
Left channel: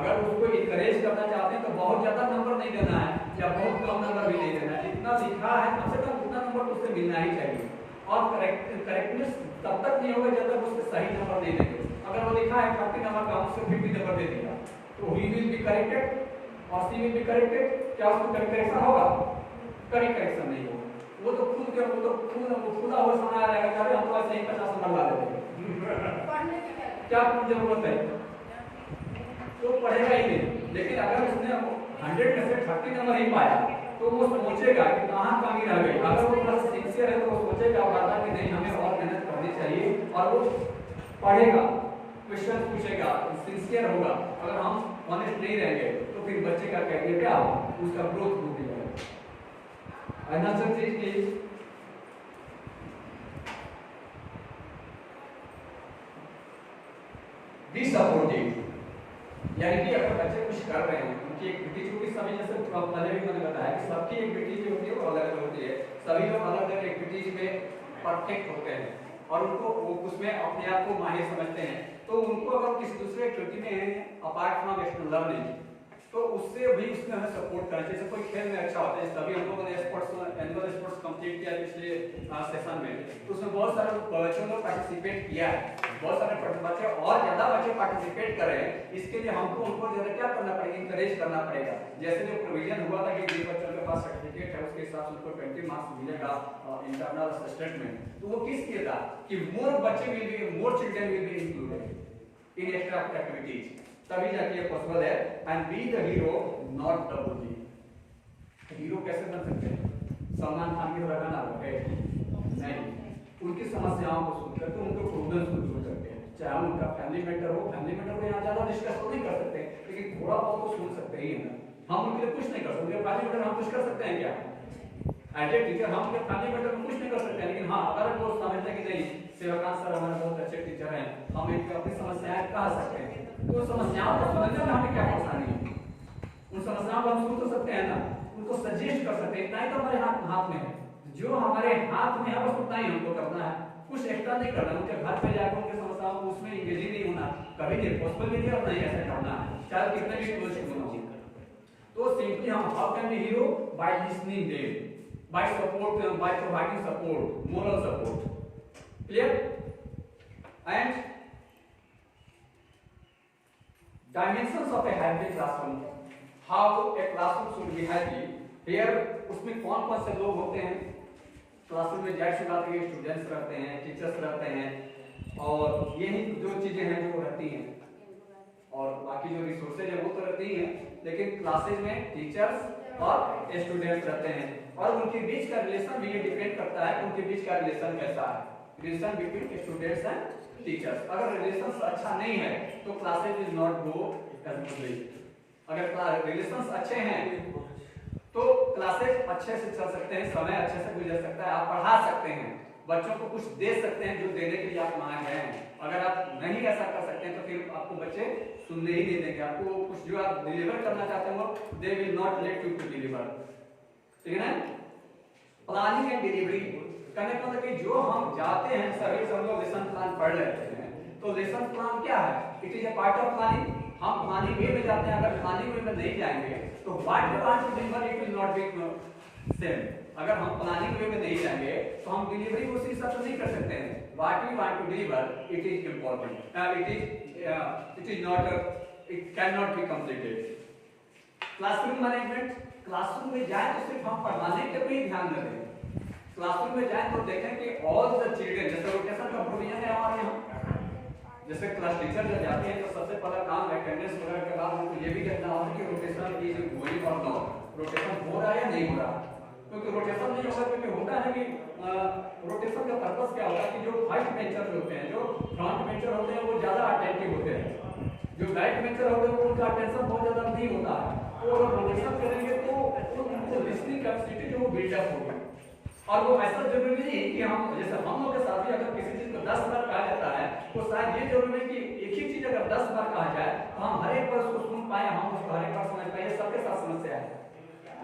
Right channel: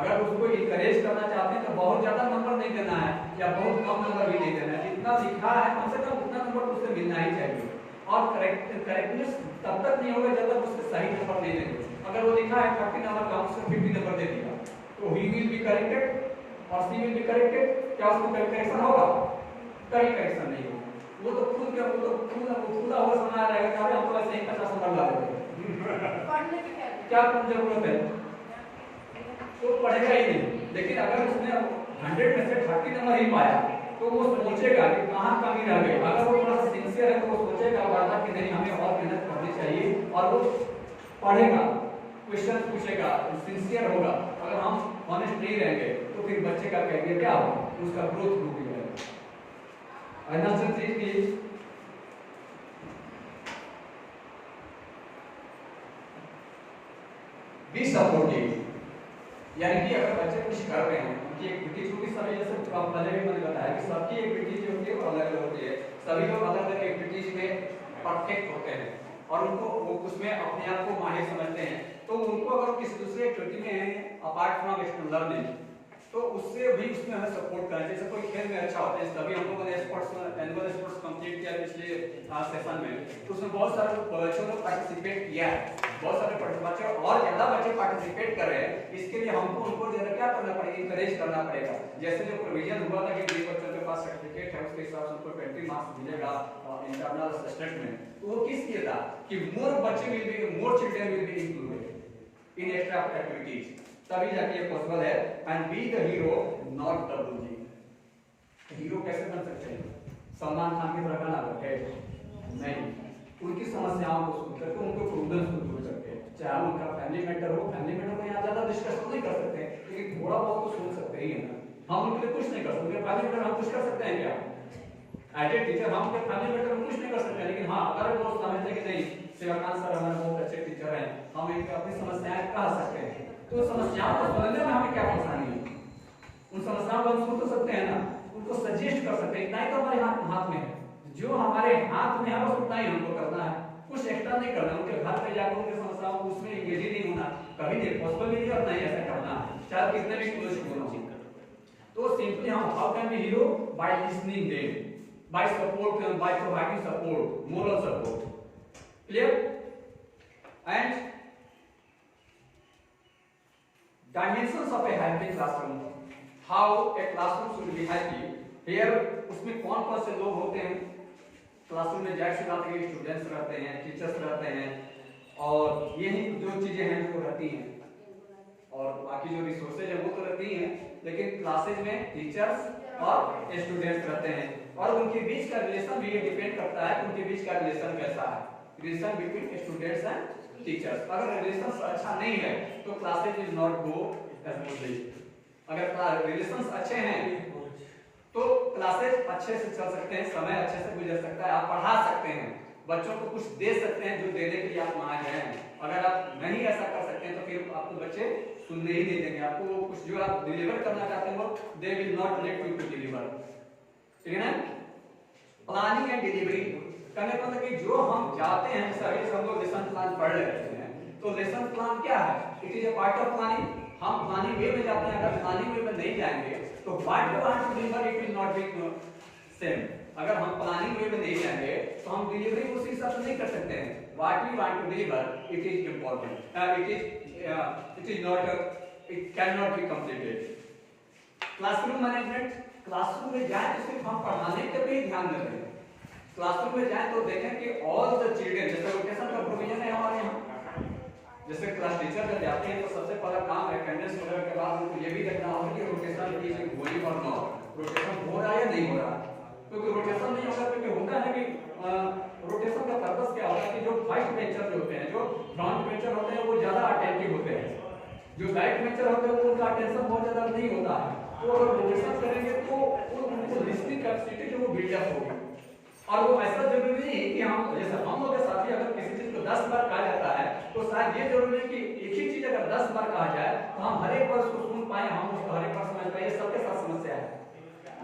अगर उसको इनकरेज करना चाहते हैं तो बहुत ज्यादा नंबर नहीं देना है या बहुत कम नंबर भी नहीं देना है, जितना लिखा है कम से कम उतना नंबर उससे मिलना ही चाहिए। और करेक्टनेस तब तक नहीं होगा जब तक उससे सही नंबर नहीं देंगे। अगर वो लिखा है 30 नंबर का, उससे 50 नंबर दे दिया तो ही विल बी करेक्टेड और सी विल बी करेक्टेड, क्या उसको करेक्शन होगा? कभी करेक्शन नहीं होगा। वो तो खुद के वो तो खुदा हुआ सुना रहेगा कि हम तो ऐसे ही 50 नंबर ला देंगे, पढ़ने की क्या जरूरत है, तो पढ़ेगा ही नहीं। लेकिन अगर उसने 100 में से 30 नंबर ही पाया तो वो सोचेगा कि कहाँ कमी रह गई। अगर वो थोड़ा सिंसियर है तो वो सोचेगा बार-बार कि नहीं हमें और मेहनत करनी चाहिए और वो पढ़ेगा, क्वेश्चन पूछेगा, सिंसियर होगा। अगर हम ऑनेस्ट नहीं रहेंगे तो फिर बच्चे का कहेंगे क्या होगा, उसका ग्रोथ रुक जाएगा। अनदर चीज इज बी सपोर्टिव, यानी कि अगर बच्चे कुछ कर रहे हैं, उनकी एक्टिविटीज को भी सभी, जैसे पहले भी मैंने बताया कि सबकी एक्टिविटीज जो होती है वो अलग अलग होती है, सभी लोग अलग अलग एक्टिविटीज में परफेक्ट होते हैं और उनको उसमें अपने आप को माहिर समझते हैं। तो उनको अगर किसी दूसरे एक्टिविटी में है अपार्ट फ्रॉम एक्सटर्नल लर्निंग तो उससे भी उसमें हमें सपोर्ट करना। जैसे कोई खेल में अच्छा होता है, तभी हम लोगों ने स्पोर्ट्स एनुअल स्पोर्ट्स कंप्लीट किया पिछले सेशन में, तो उसमें बहुत सारे बच्चों ने पार्टिसिपेट किया है, बहुत सारे बच्चे और ज्यादा बच्चे पार्टिसिपेट कर रहे हैं। इसके लिए हमको उनको जरा क्या करना पड़ेगा, इंकरेज करना पड़ेगा। जैसे जो प्रोविजन हुआ था कि जिन बच्चों के पास सर्टिफिकेट है उसके हिसाब से उनको 20 मार्क्स मिलेगा इंटरनल असेसमेंट में, तो वो किस लिए था कि मोर बच्चे will be, more children will be included in extra activities, तभी जाके ये पॉसिबल है। And be the hero not the bully. Hero कैसे बन सकते हैं? सलमान खान की तरह गाना है नहीं, उनकी समस्याओं को सुन करके उनको प्रॉब्लम्स को दूर करके, चाहे उनका फैमिली मैटर हो, फैमिली मैटर को यहाँ ज्यादा डिस्कस नहीं कर सकते लेकिन थोड़ा बहुत तो सुन सकते ही है ना। हम उनके लिए कुछ नहीं कर सकते, उनके फैमिली मैटर हम कुछ कर सकते हैं क्या? एज ए टीचर हम उनके फैमिली मैटर में कुछ नहीं कर सकते, लेकिन हाँ अगर वो समझते कि नहीं सेवाकांत सर हमारे बहुत अच्छे टीचर हैं, हम एक अपनी समस्याएं कह सकते हैं, तो समस्याओं को सुनने में हमें क्या परेशानी है? उन समस्याओं को हम सुन तो सकते हैं ना, उनको सजेस्ट कर सकते हैं, नहीं तो हमारे हाथ में है, जो हमारे हाथ में है बस उतना ही हमको करना है, कुछ एक्स्ट्रा नहीं करना। उनके घर पे जाकर उनकी समस्याओं को उसमें इंगेज ही नहीं होना, कभी नहीं पॉसिबल नहीं है और नहीं ऐसा करना, चाहे कितने भी क्लोज बोलो। कि हम how can be hero by listening them, by support, by providing support, moral support. Clear? And dimensions of a happy classroom, how a classroom should be happy। here उसमें कौन कौन से लोग होते हैं क्लासरूम में? जाहिर सी बात है स्टूडेंट्स रहते हैं, टीचर्स रहते हैं, और यही जो चीजें हैं जो रहती हैं, और बाकी जो रिसोर्सेज है वो तो रहती हैं, लेकिन क्लासेज में टीचर्स और स्टूडेंट्स रहते हैं, और उनके बीच का रिलेशन भी डिपेंड करता है उनके बीच का रिलेशन कैसा है, relation between students and teachers. अगर रिलेशंस अच्छा नहीं है तो classes will not go smoothly. अगर रिलेशंस अच्छे हैं तो क्लासेज अच्छे से चल सकते हैं, समय अच्छे से गुजर सकता है, आप पढ़ा सकते हैं, बच्चों को कुछ दे सकते हैं जो देने के लिए आप वहां गए हैं। अगर आप नहीं ऐसा कर सकते हैं तो फिर आपको बच्चे सुनने ही नहीं देंगे, आपको कुछ जो आप डिलीवर करना चाहते हैं वो they will not let you to deliver. ठीक है ना? प्लानिंग एंड डिलीवरी करने का मतलब कि जो हम जाते हैं सभी हम लोग लेसन प्लान पढ़ लेते हैं, तो लेसन प्लान क्या है? It is a part of planning. हम प्लानिंग वे में जाते हैं, अगर प्लानिंग वे में नहीं जाएंगे तो what we want to deliver it will not be same. अगर हम प्लानिंग वे में नहीं जाएंगे तो हम डिलीवरी उसी हिसाब से नहीं कर सकते हैं। What we want to deliver it is important, it can not be completed. Classroom management, classroom में जाए तो सिर्फ हम पढ़ाने पे भी ध्यान दें। क्लासरूम में जाए तो देखें कि ऑल द चिल्ड्रन, जैसे रोटेशन का प्रोविजन है हमारे यहाँ, जैसे क्लास टीचर जब जाते हैं तो सबसे पहला काम अटेंडेंस वगैरह के बाद उनको ये भी देखना होता है कि रोटेशन इज गोइंग और नॉट, रोटेशन हो रहा है या नहीं हो रहा। क्योंकि रोटेशन नहीं होगा, क्योंकि होता है कि रोटेशन का पर्पस क्या होता है कि जो फर्स्ट बेंचर होते हैं, जो फ्रंट बेंचर होते हैं वो ज्यादा अटेंटिव होते हैं, जो बैक बेंचर होते हैं उनका अटेंशन बहुत ज्यादा नहीं होता है। तो अगर रोटेशन करेंगे तो उनको लिसनिंग कैपेसिटी जो वो बिल्डअप होगी। और वो ऐसा जरूरी नहीं है कि हम जैसे हम लोग के साथ भी अगर किसी चीज को 10 बार कहा जाता है तो शायद ये जरूरी है कि एक ही चीज अगर 10 बार कहा जाए तो हम हर एक बार उसको सुन पाए, हम उसको हर एक बार समझ पाए। सबके साथ समस्या है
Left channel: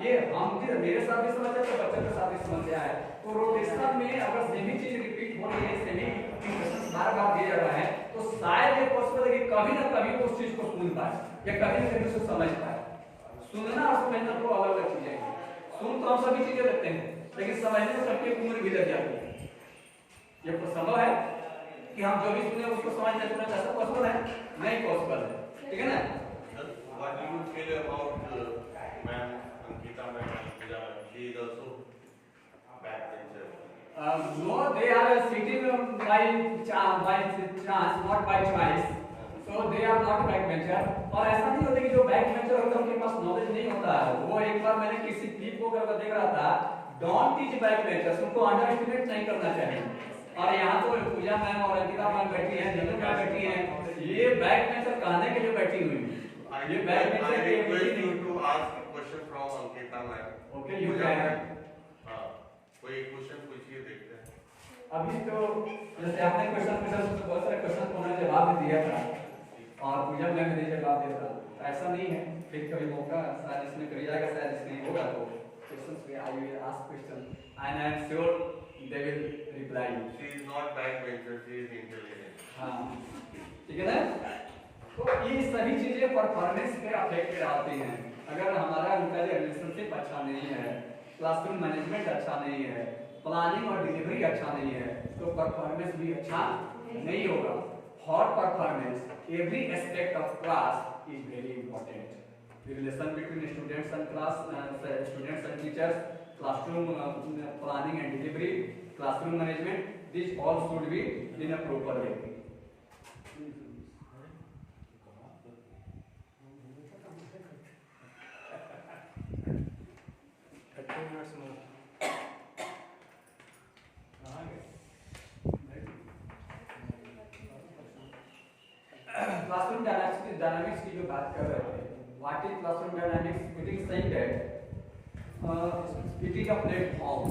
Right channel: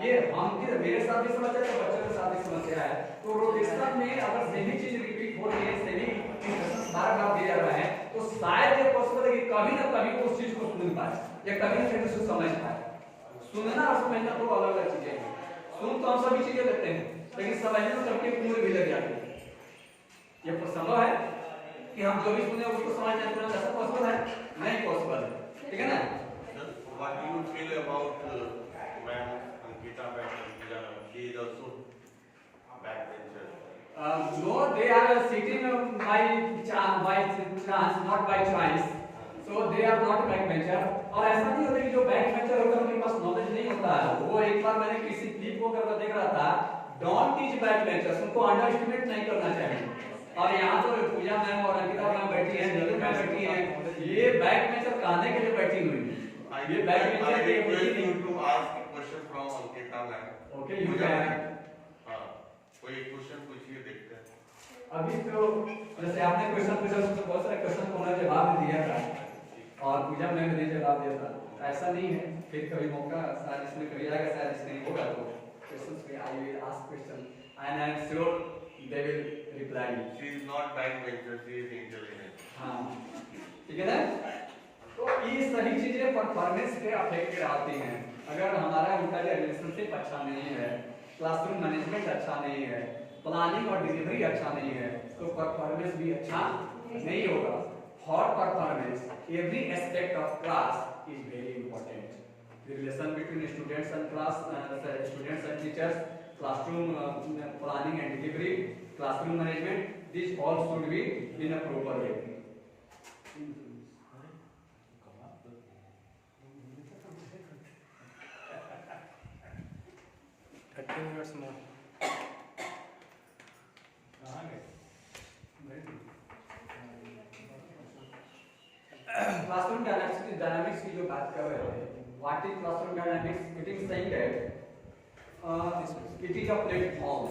ये, हम मेरे साथ भी समस्या है तो बच्चों के साथ भी समस्या है। तो रोटेशन में अगर सेम चीज रिपीट हो रही है, सेम इंस्ट्रक्शंस बार-बार दिए जा रहे हैं, तो शायद ये पॉसिबल है कि कभी ना कभी वो उस चीज को सुन पाए या कभी ना कभी उसको समझ पाए। सुनना और समझना दो अलग अलग चीजें हैं। सुन तो हम सभी चीजें लेते हैं, लेकिन समझने में सबकी उम्र भी लग जाती है। ये संभव है कि हम जो भी सुने उसको समझ लेते हैं, ऐसा पॉसिबल है? नहीं पॉसिबल है। ठीक है ना? What do you feel about ma'am Ankita ma'am? She is also backbencher. No, they are sitting by chance, not by choice. So they are not backbencher। और ऐसा नहीं होता कि जो backbencher होता है उनके पास नॉलेज नहीं होता है। वो एक बार मैंने किसी क्लिप को करके देख रहा था, डोंट टीच बैकबेंचर्स, उनको अंडर एस्टिमेट नहीं करना चाहिए। और यहाँ तो पूजा मैम और अंकिता मैम बैठी हैं, नीलू मैम बैठी हैं, ये बैकबेंचर कहने के लिए बैठी हुई है। ये बैकबेंचर के request you to ask a question from Ankita ma'am. Okay, you can। हाँ, कोई क्वेश्चन पूछिए, देखते हैं। अभी तो जैसे आपने क्वेश्चन पूछा तो बहुत सारे क्वेश्चन को उन्होंने जवाब दिया था और पूजा मैम ने जवाब दिया था। तो ऐसा नहीं है, फिर कभी मौका शायद इसमें कभी आएगा, शायद इसमें होगा तो questions में I will ask question and I am sure they will reply। She is not backbencher, she is intelligent। हाँ, ठीक है ना? तो ये सभी चीजें परफॉर्मेंस पे अफेक्ट कराती हैं। अगर हमारा उनका रिलेशनशिप अच्छा नहीं है, क्लासरूम मैनेजमेंट अच्छा नहीं है, प्लानिंग और डिलीवरी अच्छा नहीं है, तो परफॉर्मेंस भी अच्छा नहीं होगा। For performance every aspect of class is very important. The relation between students and class, students and teachers, classroom planning and delivery, classroom management, these all should be in a proper way। Classroom dynamics की जो बात कर रहे थे, what is classroom dynamics? It is saying that it is a platform.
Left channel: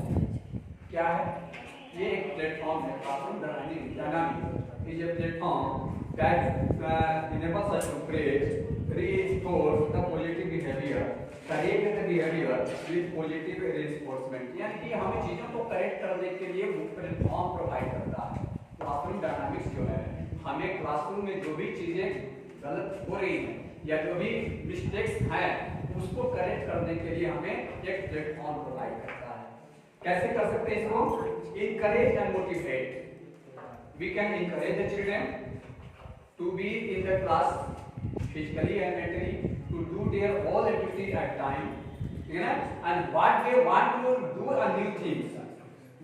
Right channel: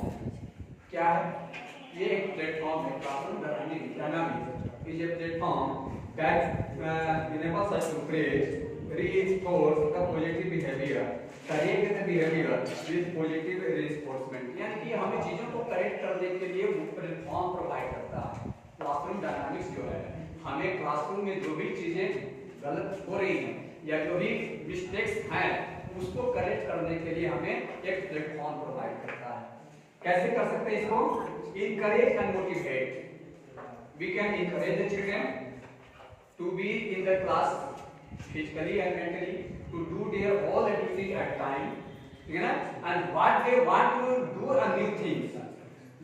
क्या है ये? एक प्लेटफॉर्म है। Classroom dynamics is a platform that enables us to create, reinforce the positive behavior, correct the behavior with positive reinforcement। यानी कि हमें चीजों को करेक्ट करने के लिए वो प्लेटफॉर्म प्रोवाइड करता है। क्लासरूम डायनामिक्स जो है, हमें क्लासरूम में जो भी चीजें गलत हो रही हैं या जो भी मिस्टेक्स हैं उसको करेक्ट करने करने के लिए हमें एक प्लेटफॉर्म प्रोवाइड करता है। कैसे कर सकते हैं इसको? Encourage and motivate. We can encourage the children to be in the class physically and mentally, to do their all activities at time, ठीक है ना? And what they want to do a new things,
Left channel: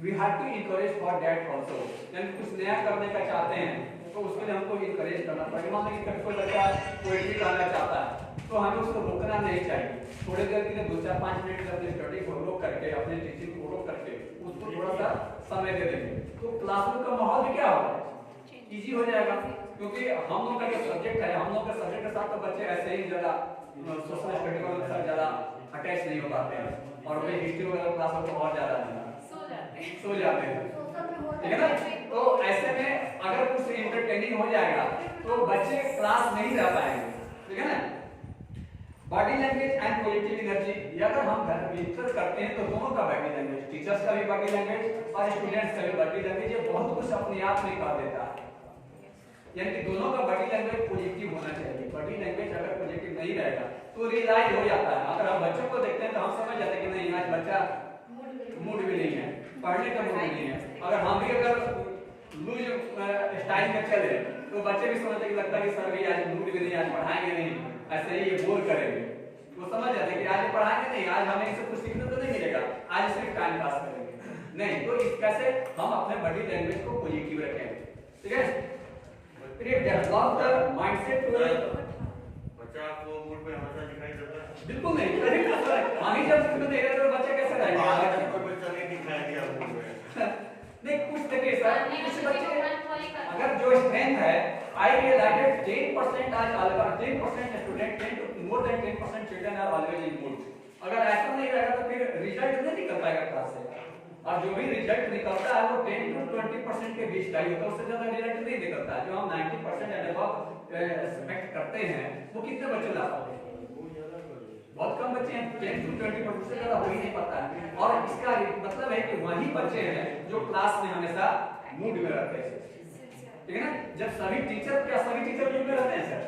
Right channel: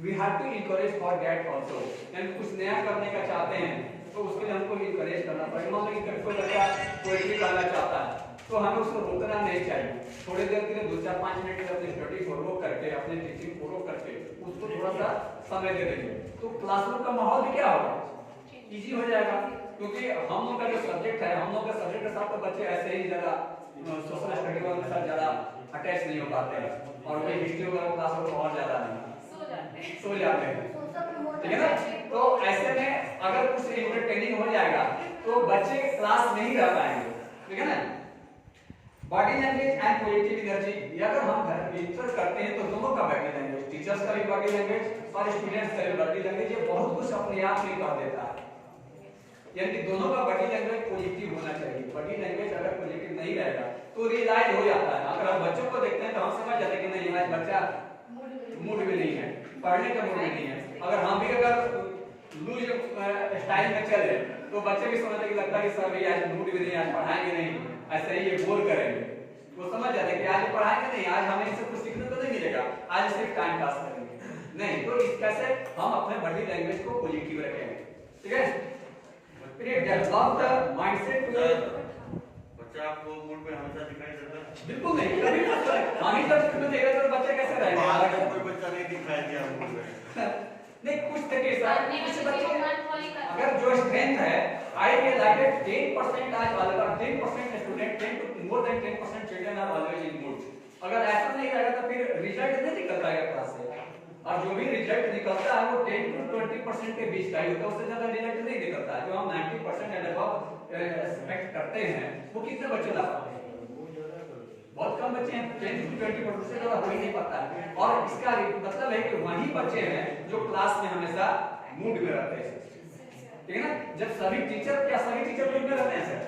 we have to encourage for that also. यानी कुछ नया करने का चाहते हैं तो उसके लिए हमको encourage करना पड़ेगा। मान लीजिए कोई बच्चा पोएट्री करना चाहता है तो हमें उसको रोकना नहीं चाहिए। थोड़ी देर के लिए 2-4-5 मिनट अपनी स्टडी को रोक करके, अपने टीचिंग को रोक करके उसको थोड़ा सा समय दे देंगे तो क्लासरूम का माहौल भी क्या होगा, इजी हो जाएगा। क्योंकि हम लोग का जो सब्जेक्ट है, हम लोग के सब्जेक्ट के साथ तो बच्चे ऐसे ही ज़्यादा सोशल स्टडी के साथ ज़्यादा अटैच नहीं हो पाते हैं, और वही हिस्ट्री वगैरह क्लास में तो और ज़्यादा नहीं सो जाते हैं, ठीक है ना? तो ऐसे में अगर कुछ इंटरटेनिंग हो जाएगा तो बच्चे क्लास नहीं रह पाएंगे, ठीक है ना? Body language and positive energy, अगर हम घर में डिस्कस करते हैं तो दोनों का बॉडी लैंग्वेज, टीचर्स का भी बॉडी लैंग्वेज और स्टूडेंट्स का भी बॉडी लैंग्वेज, ये बहुत कुछ अपने आप में कर देता है। यानी कि दोनों का बॉडी लैंग्वेज पॉजिटिव होना चाहिए। बॉडी लैंग्वेज अगर पॉजिटिव नहीं रहेगा तो रियलाइज हो जाता है। अगर हम बच्चों को देखते हैं तो हम समझ जाते हैं कि नहीं आज बच्चा मूड में नहीं है, पढ़ने का मूड में नहीं है। अगर हम भी अगर लूज स्टाइल में चले तो बच्चे भी समझते हैं कि लगता है कि सर भी आज मूड में नहीं, आज पढ़ाएंगे नहीं, ऐसे ही ये बोल करेंगे। वो समझ जाते हैं कि आज पढ़ाएंगे नहीं, आज हमें इससे कुछ सीखने को नहीं मिलेगा, आज सिर्फ टाइम पास करेंगे। नहीं, तो इस कैसे हम अपने बॉडी लैंग्वेज को पॉजिटिव रखेंगे, ठीक है? फिर डेवलप द माइंडसेट टू बच्चा आपको मूड पे हमेशा दिखाई देता है? बिल्कुल नहीं, कभी नहीं। हम ही जब स्कूल में देखे तो बच्चे कैसे रहेंगे? आज कोई बच्चा नहीं दिखाई दिया मूड में। नहीं, कुछ देखिए सर, कुछ बच्चे अगर जो स्ट्रेंथ है, आई रियलाइज 10% आज अलग 10% student 10 more than 10% children are always in mood. अगर ऐसा नहीं रहेगा तो फिर रिजल्ट नहीं निकल पाएगा क्लास से, और जो भी रिजल्ट निकलता है वो 10 to 20% के बीच का ही होता है, उससे ज्यादा रिजल्ट नहीं निकलता है। जो हम 90% एंड अबव एक्सपेक्ट करते हैं वो कितने बच्चे ला पाते हैं? बहुत कम बच्चे हैं, 10 to 20% से ज्यादा हो ही नहीं पाता है। और इसका मतलब है कि वही बच्चे हैं जो क्लास में हमेशा मूड में रहते हैं, ठीक है ना? जब सभी टीचर, क्या सभी टीचर मूड में रहते हैं सर?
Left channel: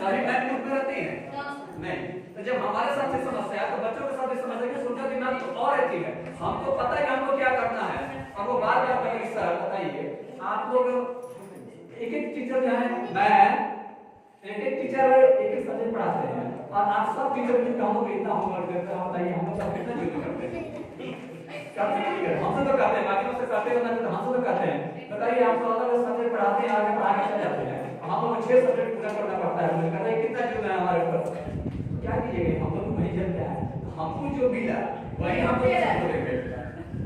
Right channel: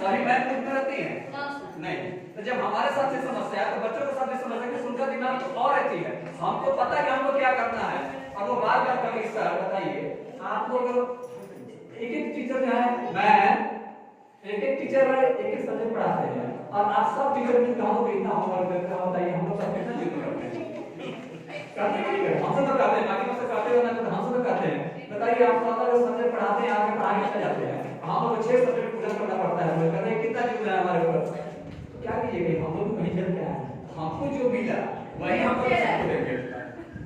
सभी मैम मूड में रहती हैं? नहीं। तो जब हमारे साथ से समस्या है तो बच्चों के साथ भी समस्या है कि उनका दिमाग तो और रहती है, हमको पता है कि हमको क्या करना है, और वो बार बार कहेंगे सर बताइए आप लोग एक टीचर जो है, मैं एक टीचर एक सब्जेक्ट पढ़ाते हैं और आप सब टीचर भी हम इतना होमवर्क देते हैं, बताइए हम लोग सब कितना ड्यूटी करते हैं? हमसे तो करते हैं, बाकी लोग से करते हो ना, तो हमसे तो करते हैं। बताइए आप लोग अलग सब्जेक्ट पढ़ाते हैं, आगे पढ़ाने चले जाते हैं, हम लोग 6 सब्जेक्ट पूरा करना पड़ता है, कहते हैं कितना ड्यूटी है हमारे ऊपर, क्या कीजिएगा? हम लोग नहीं जानते हैं, हमको जो मिला वही हम लोग सबको देंगे,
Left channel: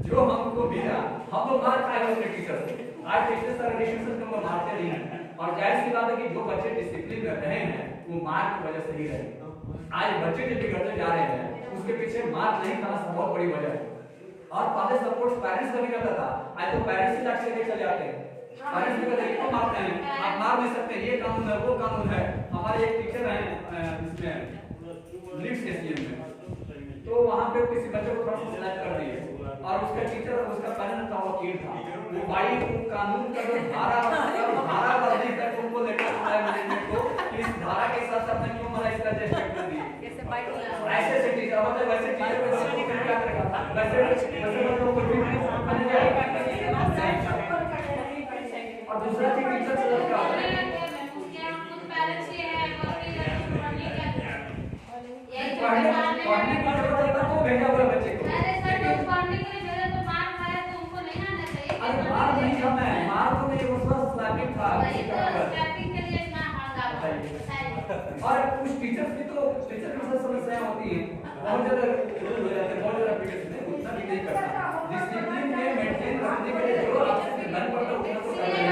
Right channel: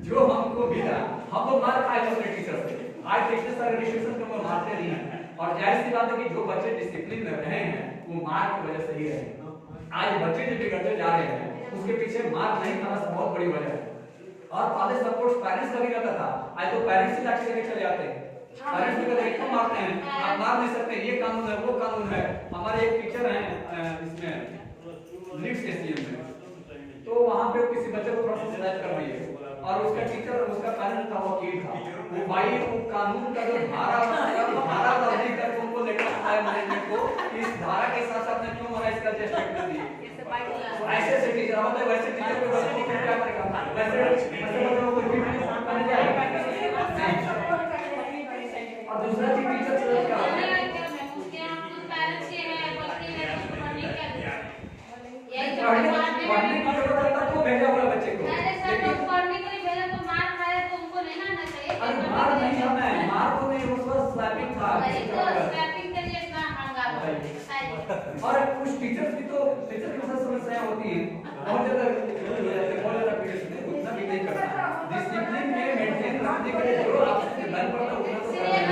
जो हमको मिला हम लोग मार खाए अपने टीचर से। आज टीचर सारे डिस्ट्रिक्शन को मारते नहीं हैं, और जाहिर सी बात है कि जो बच्चे डिसिप्लिन में रहे हैं वो मार की वजह से ही रहे। आज बच्चे जो बिगड़ते जा रहे हैं उसके पीछे मार नहीं खाना बहुत बड़ी वजह है। और पहले सपोर्ट पेरेंट्स का भी रहता था, आज तो पेरेंट्स ही लाठी लेके चले आते हैं, पेरेंट्स भी कहते हैं क्यों मारते हैं, आप मार नहीं सकते, ये कानून है वो कानून है। हमारे एक टीचर हैं इसमें लिफ्ट एसडीएम में, तो वहां पे किसी बच्चे को थोड़ा सा शिकायत कर रही है और उसका टीचर, उसका पेरेंट था, वकील था, वो भाई वो कानून का जो धारा लॉजिक है उनको लेकर आया मैनेजमेंट को, इस धारा के साथ साथ में क्यों हमारा इसका जजमेंट कर दिए। ऐसे टीचर मतलब वैसे टीचर को बच्चों को क्या करेगा, वैसे बच्चों को भी बन जाएगा। और दूसरा चीज टीचर से क्या पढ़ने की जरूरत है तो भेजा हुआ बच्चे को, अरे मार नहीं खाना है, मार तो नहीं, उस वक्त स्लैपिंग था। और कुछ टीचर्स भी तो टीचर के साथ समस्याएं होती हैं, बहुत ज्यादा हो जाते हैं, बहुत ज्यादा पीरियड में उतना भी नहीं करना, डिसिप्लिन में मेंटेन रखने के लिए जो आपसे डिमांड करता है उतना तो करना है।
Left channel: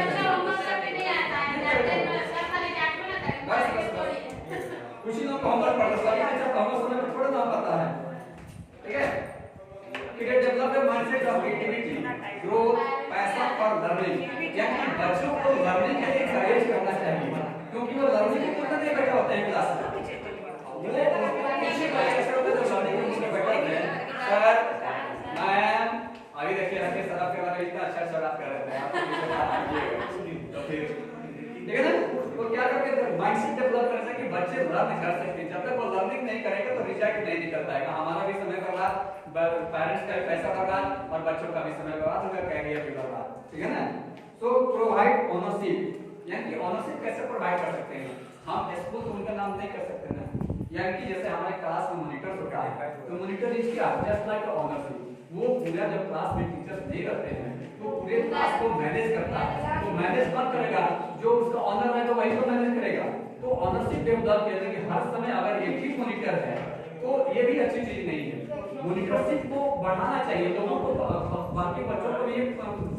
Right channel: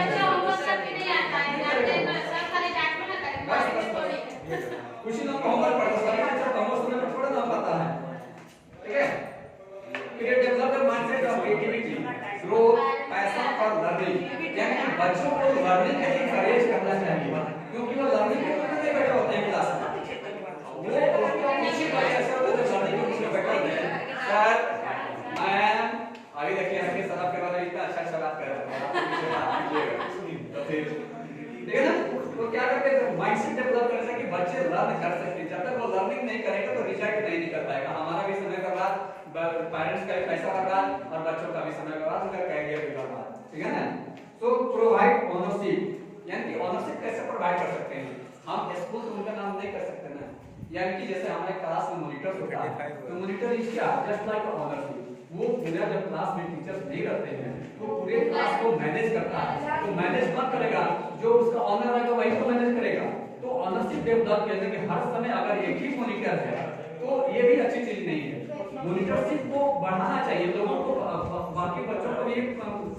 कुछ ही लोग को होमवर्क पढ़ता है, अच्छा होमवर्क में थोड़ा ना पता है, ठीक है? फिर develop the mindset of creativity, growth, passion और लर्निंग, यानी बच्चों को लर्निंग के लिए एनकरेज करना चाहिए, क्योंकि वो लर्निंग के लिए नहीं बैठे होते हैं क्लास में, वो किसी बच्चे ऐसे होते हैं जो लर्निंग के लिए बैठे होते हैं। सर मैम अभी देखिए आपके सर आपके बारे में इतना अच्छा बात कर रहे हैं, आप पीछे बात कीजिएगा तो फिर ठीक है ना? तो क्या करते हैं माइंडसेट डेवलप करने से कि बच्चे लर्न कर सकें, जब तक वो लर्निंग नहीं करेंगे तो सोचा कि नहीं निकल पाएगा, हमारा भी समय बर्बाद, पेरेंट्स का भी पैसा बर्बाद और बच्चों का भी समय बर्बाद, उनका कैरियर भी बर्बाद, ठीक है ना। सो प्रोवाइड ओनरशिप, यानी कि ओनरशिप कैसे प्रोवाइड कर सकते हैं हम, स्कूल तो उनका नाम नहीं कर सकते ना, यानी कि जैसे हमारे क्लास में मॉनिटर होता है तो मॉनिटर इज क्या, जस्ट लाइक ओनरशिप, वो पूरा जब क्लास में टीचर्स नहीं रहते हैं तो पूरे क्लास को मैनेज करता है, तो मैनेज मत करेगा, जो उसका ऑनर है तो वही तो मैनेज करेगा। तो ओनरशिप डेवलप किया कि हर समय अगर एक ही मॉनिटर है तो ये भी अच्छी चीज नहीं है, मॉनिटरशिप को बढ़ाना चाहिए, लोगों को बाकी बच्चों को भी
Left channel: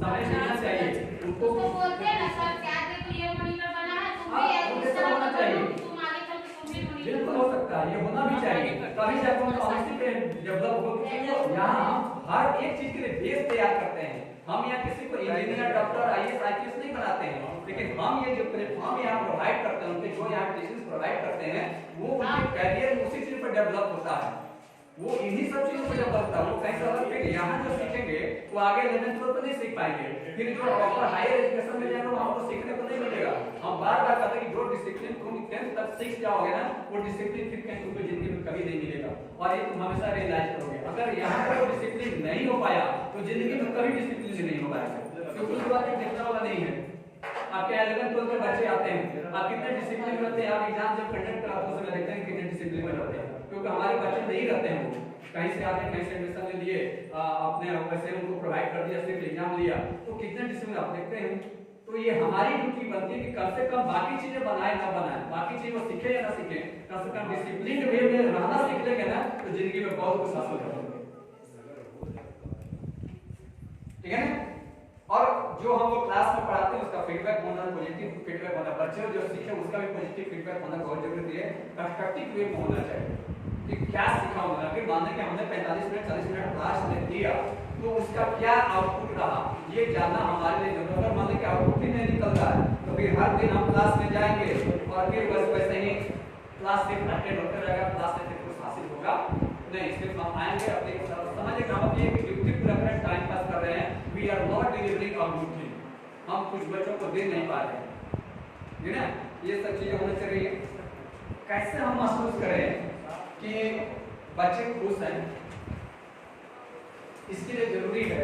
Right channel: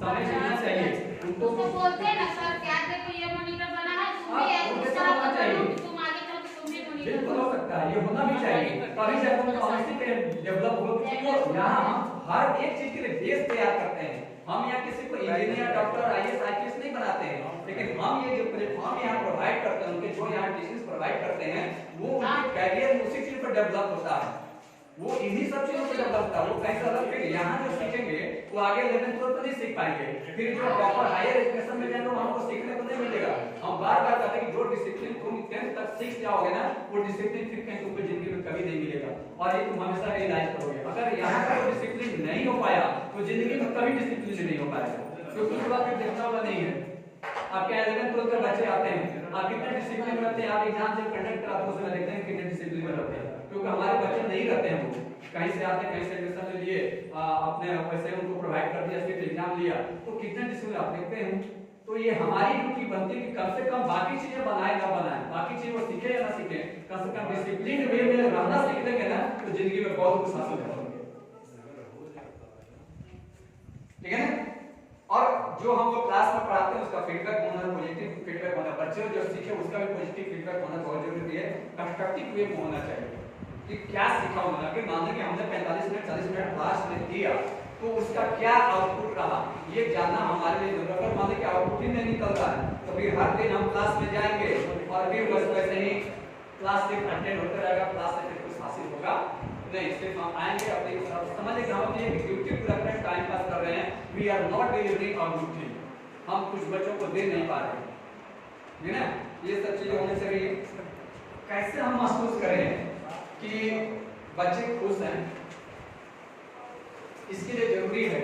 समय देना चाहिए, उनको तो बोलते हैं ना सर, क्या देखो ये मॉनिटर बना है, तुम भी हाँ, इस तरह का करो, तुम आगे चल के तुम भी मॉनिटर बिल्कुल हो सकता है, ये होना भी चाहिए, तभी जाकर उनका ओनरशिप डेवलप हो। तो यहाँ हर एक चीज के लिए बेस तैयार करते हैं, हम यहाँ किसी को इंजीनियर, डॉक्टर, आईएएस, आईपीएस नहीं बनाते हैं, लेकिन हम ये जो प्लेटफॉर्म यहाँ प्रोवाइड करते हैं, उनके जो यहाँ टीचर्स प्रोवाइड करते हैं वो उनके कैरियर उसी चीज पर डेवलप होता है, वो इन्हीं सब चीजों पर डेवलप होता है। वो कैसे अलग, फिर यहाँ जो सीखेंगे वो आगे 11th 12th नहीं सीख पाएंगे, फिर जो प्रॉपर हायर एजुकेशन में जाएंगे वहां को सीखने को नहीं मिलेगा। हम बार बार कहते हैं कि जो डिसिप्लिन तुम 10th तक सीख जाओगे ना, वो डिसिप्लिन फिर कहीं तुमको जिंदगी में कभी नहीं मिलेगा, और ये तुम हमेशा रियलाइज करोगे। अगर यहाँ का वो डिसिप्लिन नहीं हो पाया तो जिंदगी में कभी डिसिप्लिन नहीं हो पाएगा, क्योंकि उस बात में देखना वाला नहीं है। आपके 11th 12th के बच्चे आते हैं, आप कितने डिसिप्लिन में रहते हैं, आप एग्जाम जब कंडक्ट कराते हैं उसमें देखते हैं कितने डिसिप्लिन में रहते हैं, क्योंकि हमारे बच्चे नहीं रहते हैं, वो कहीं से आते हैं, कहीं से एडमिशन ले लिए, अपने पैसे उनको प्रोवाइड कर दिया, सिर्फ एग्जाम लिया, तो कितने डिसिप्लिन आप देखते हैं। तो ये हमारी ड्यूटी बनती है कि कम से कम बाकी चीजें बनाए ना बनाए, बाकी चीजें वो सीखे या ना सीखे, कम से कम डिसिप्लिन वे में रहना सीख लेंगे ना तो जिंदगी में बहुत कुछ हासिल करेंगे, ठीक है ना। और जो हम वो क्लास में पढ़ाते हैं उसका फीडबैक होना, पॉजिटिव फीडबैक होना, बच्चे जो सीखे उसका भी पॉजिटिव फीडबैक होना बहुत जरूरी है, कंस्ट्रक्टिव वे में होना चाहिए कि क्या सीखा होगा, कि मान लें कि हमने 45 मिनट 40 मिनट क्लास में दिया तो उसका क्या आउटपुट रहा ये जानना हमारे लिए जरूरी है। अगर मान लें कि आउटपुट ही नहीं निकल रहा है तो फिर हर दिन हम क्लास में जाएंगे और फिर बस वैसे ही क्लास सिर्फ अटेंड होता रहेगा, क्लास में कुछ हासिल होगा नहीं, सिर्फ हम आएंगे अपने समझिए हम अपनी ड्यूटी पूरा करने टाइम पास कर रहे हैं, we are not delivering our duty, हम कुछ बच्चों को दे नहीं पा रहे हैं, है ना। ये सब चीजें होनी चाहिए। कैसे हम महसूस करें कि बच्चे खुश हैं, इसके लिए जरूरी है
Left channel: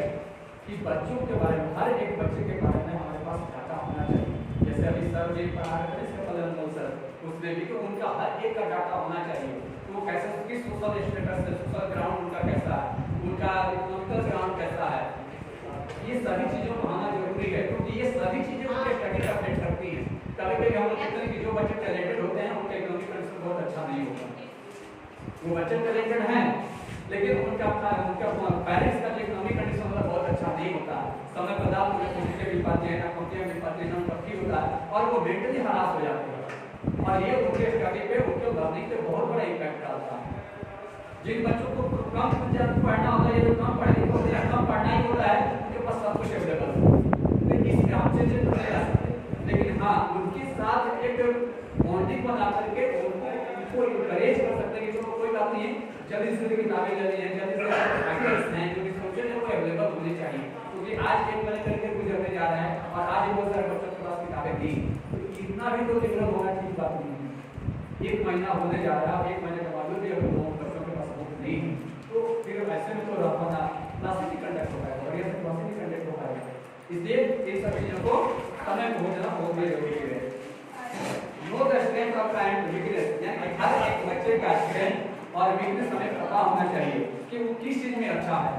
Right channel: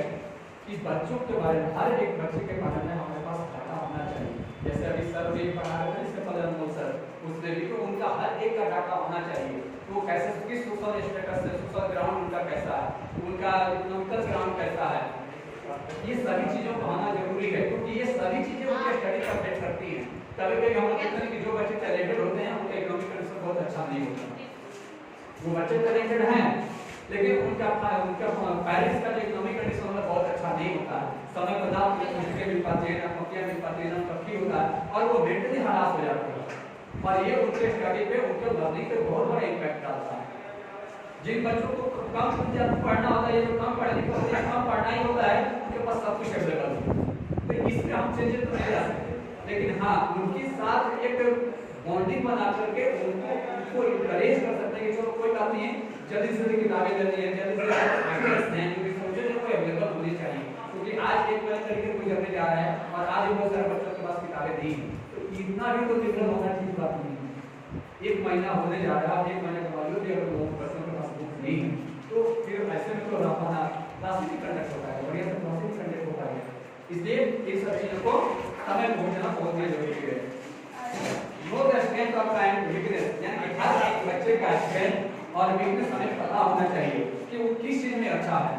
कि बच्चों के बारे में, हर एक बच्चे के बारे में हमारे पास डाटा होना चाहिए। जैसे अभी सर ने पढ़ा रहे थे इसके पहले अनमोल सर, उसमें भी तो उनका हर एक का डाटा होना चाहिए, तो कैसे किस सोशल स्टेटस है, सोशल ग्राउंड उनका कैसा है, उनका इकोनॉमिकल ग्राउंड कैसा है, ये सभी चीजों को होना जरूरी है, क्योंकि ये सभी चीजें उनके स्टडी का अफेक्ट करती हैं। कभी कभी हम लोग कहते हैं कि जो बच्चे टैलेंटेड होते हैं उनका इकोनॉमिक कंडीशन बहुत अच्छा नहीं होता, वो बच्चे टैलेंटेड हैं लेकिन उनका पेरेंट्स का इकोनॉमिक कंडीशन मतलब बहुत अच्छा नहीं होता है, समय पर दाम नहीं मिल पाती है, ना नौकरियां मिल पाती है, ना पक्की होता है, और वो मेंटली हरास हो जाते हैं, और ये उनके स्टडी पे, उनके लर्निंग पे बहुत बड़ा इम्पैक्ट डालता है। जिन बच्चों को कम पढ़ना होता है, जो कम पढ़े लिखे होते हैं, कम पढ़ना ही होता है, उनके पास सब कुछ अवेलेबल होता है, तो इसमें हम चेंजेस तो नहीं ला सकते, लेकिन हाँ उनके साथ एक बॉन्डिंग बना करके उनको इनकरेज कर सकते हैं कि चलो कोई बात नहीं है, जल्दी से किताबें लेनी है, जल्दी से फैक्टर्स हैं जो भी सोचे थे वो अवेलेबल होनी चाहिए, क्योंकि आज एक महीने करके गुजरने जा रहा है और आज बहुत सारे बच्चों के पास किताबें दी, तो इतना भी तो दिक्कत होना ठीक बात नहीं है। एक महीना होने जा रहा है, एक महीने के बाद भी अगर लोगों बच्चों के पास बुक नहीं है तो फिर ऐसे में तो रखना क्लासेस भी कंडक्ट हो पाएगा, बढ़िया से क्लासेस कंडक्ट हो पाएगा, इसलिए इन सब चीजों को समय पहुंचना बहुत जरूरी है। Know the strength of and weakness, यानी हर एक बच्चे का स्ट्रेंथ और वीकनेस हमें पता होना चाहिए कि वो किस चीज में अच्छा है,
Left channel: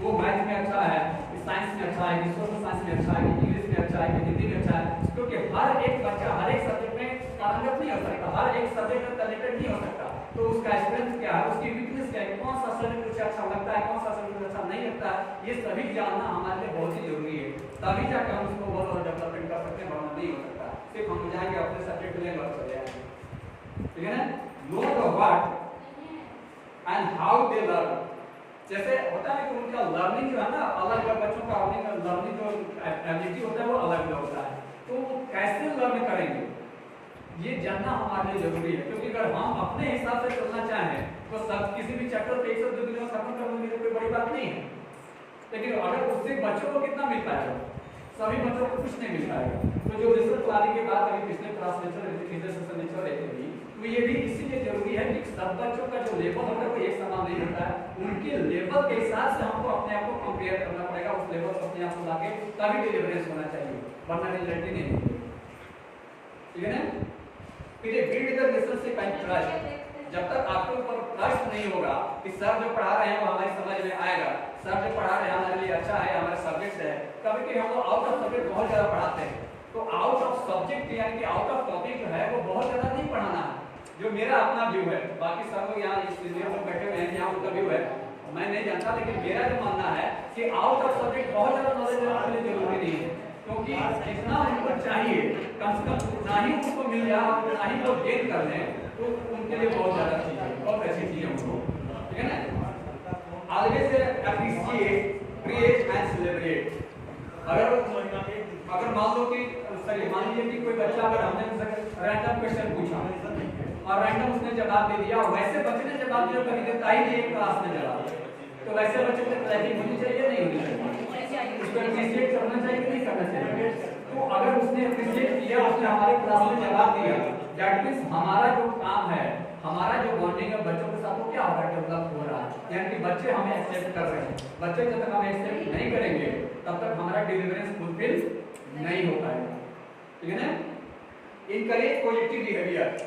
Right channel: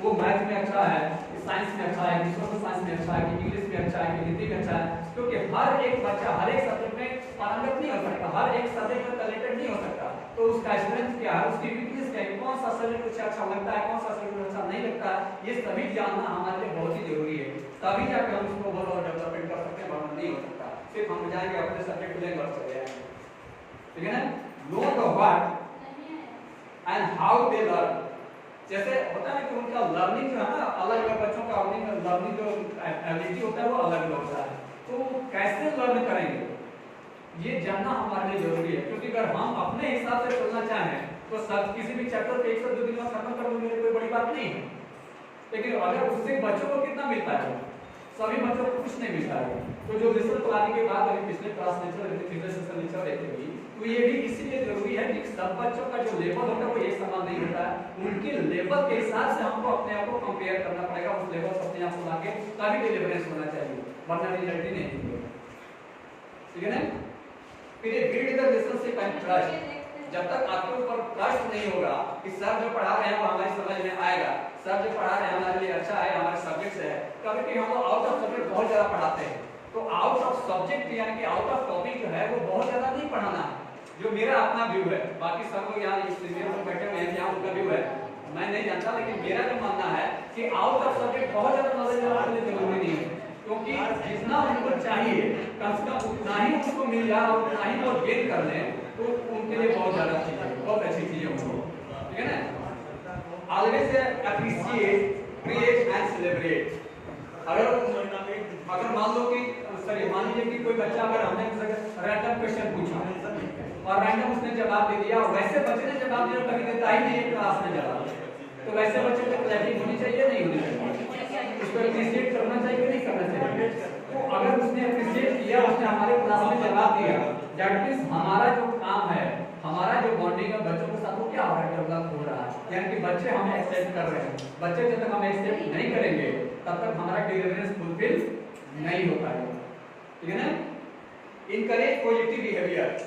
वो मैथ में अच्छा है, साइंस में अच्छा है, सोशल साइंस में अच्छा है, इंग्लिश में अच्छा है, हिंदी में अच्छा है, क्योंकि हर एक बच्चा हर एक सब्जेक्ट में पारंगत नहीं हो सकता, हर एक सब्जेक्ट में टैलेंटेड नहीं हो सकता, तो उसका स्ट्रेंथ क्या है, उसकी वीकनेस क्या है, कौन सा सब्जेक्ट उसे अच्छा लगता है, कौन सा सब्जेक्ट अच्छा नहीं लगता है, ये सभी जानना हमारे लिए बहुत ही जरूरी है, तभी जाकर हम उसको बहुत ज्यादा डेवलपमेंट कर सकते हैं, वरना नहीं हो सकता सिर्फ हम जाएंगे अपने सब्जेक्ट लेंगे और चले जाएंगे, ठीक है ना। Know the what and how they learn, जैसे होता है कि उनका लर्निंग जो है ना अलग अलग बच्चों का लर्निंग जो एबिलिटी होता है वो अलग अलग होता है, तो वो कैसे लर्न करेंगे ये जानना हमारे लिए जरूरी है, क्योंकि अगर हम अपने हिसाब से चलना चाहें तो सब किसी भी चैप्टर पे 102 दिन में खत्म कर देंगे कोई बड़ी बात नहीं है, लेकिन अगर उससे बच्चों को कितना मिल पाएगा, सभी बच्चों को कुछ नहीं मिल पाएगा। तो जो रिसर्च प्लानिंग के बाद अभी पिछले क्लास लेक्चर पिछले सेशन लेक्चर देते हुए तो ये भी इसीलिए जरूरी है कि सब बच्चों का जो लेवल होता है वो एक समान नहीं होता है, उनके लेवल के हिसाब से हमको अपने आप को कंपेयर करना पड़ेगा, उस लेवल से अपने आप को लाके तभी डिफरेंस होना चाहिए, वरना रिजल्ट ही नहीं होगा। ठीक है ना? फिर build the relationship and trust. जब तक आपके ऊपर ट्रस्ट नहीं होगा कि सर जो पढ़ा रहे हैं वो हमारी समझ में आएगा, सर जो पढ़ा रहे हैं हमारे लिए अच्छा है, हमारे सब्जेक्ट है, कभी हम लोग आउट ऑफ सब्जेक्ट बहुत ज्यादा पढ़ाते हैं, तो आउट ऑफ सब्जेक्ट यानी कि आउट ऑफ टॉपिक जो है वो बहुत ज्यादा नहीं पढ़ाना है। जो मेरा अपना व्यू है, बाकी सब लोग यहाँ इस सीनियर लोग बैठे हुए हैं, यहाँ उनका व्यू है मैं नहीं जानता, लेकिन मेरा जो मानना है कि आउट ऑफ सब्जेक्ट बहुत ज्यादा नॉलेज रखने की जरूरी नहीं है, क्योंकि जितना उनको चाहिए कम से कम उतना ही उनको मिल जाए, उतना ही वो गेन कर लें, तो उनके लिए बहुत ज्यादा चीज है, बहुत अच्छी चीज है उनको। ठीक है ना? Always appreciate, praise and celebrate. अगर मान लो कि सॉरी मान लीजिए कि कोई बच्चा अगर हमने रैंडम क्वेश्चन पूछा और रैंडम उसने जवाब दे दिया, वैसे बच्चे ने जवाब दिया कभी देता ही नहीं है क्लास में जवाब, तो वैसे बच्चे को क्लैपिंग होनी चाहिए नहीं होनी चाहिए, उसको अप्रिशिएट करना चाहिए नहीं करना चाहिए। तो अगर उसने अप्रिशिएट किया, उसने हमारे क्लास में जवाब दिया, दैट मींस हमारा जो काम है, हमारा जो बॉन्डिंग है बच्चों के साथ वो क्या हो रहा है, डेवलप हो रहा है, यानी कि बच्चे हमें एक्सेप्ट कर रहे हैं। बच्चे जब तक हमें एक्सेप्ट नहीं करेंगे तब तक हमारा डिलीवरेंस फुलफिल नहीं हो पाएगा। ठीक है ना? Encourage positive behaviour.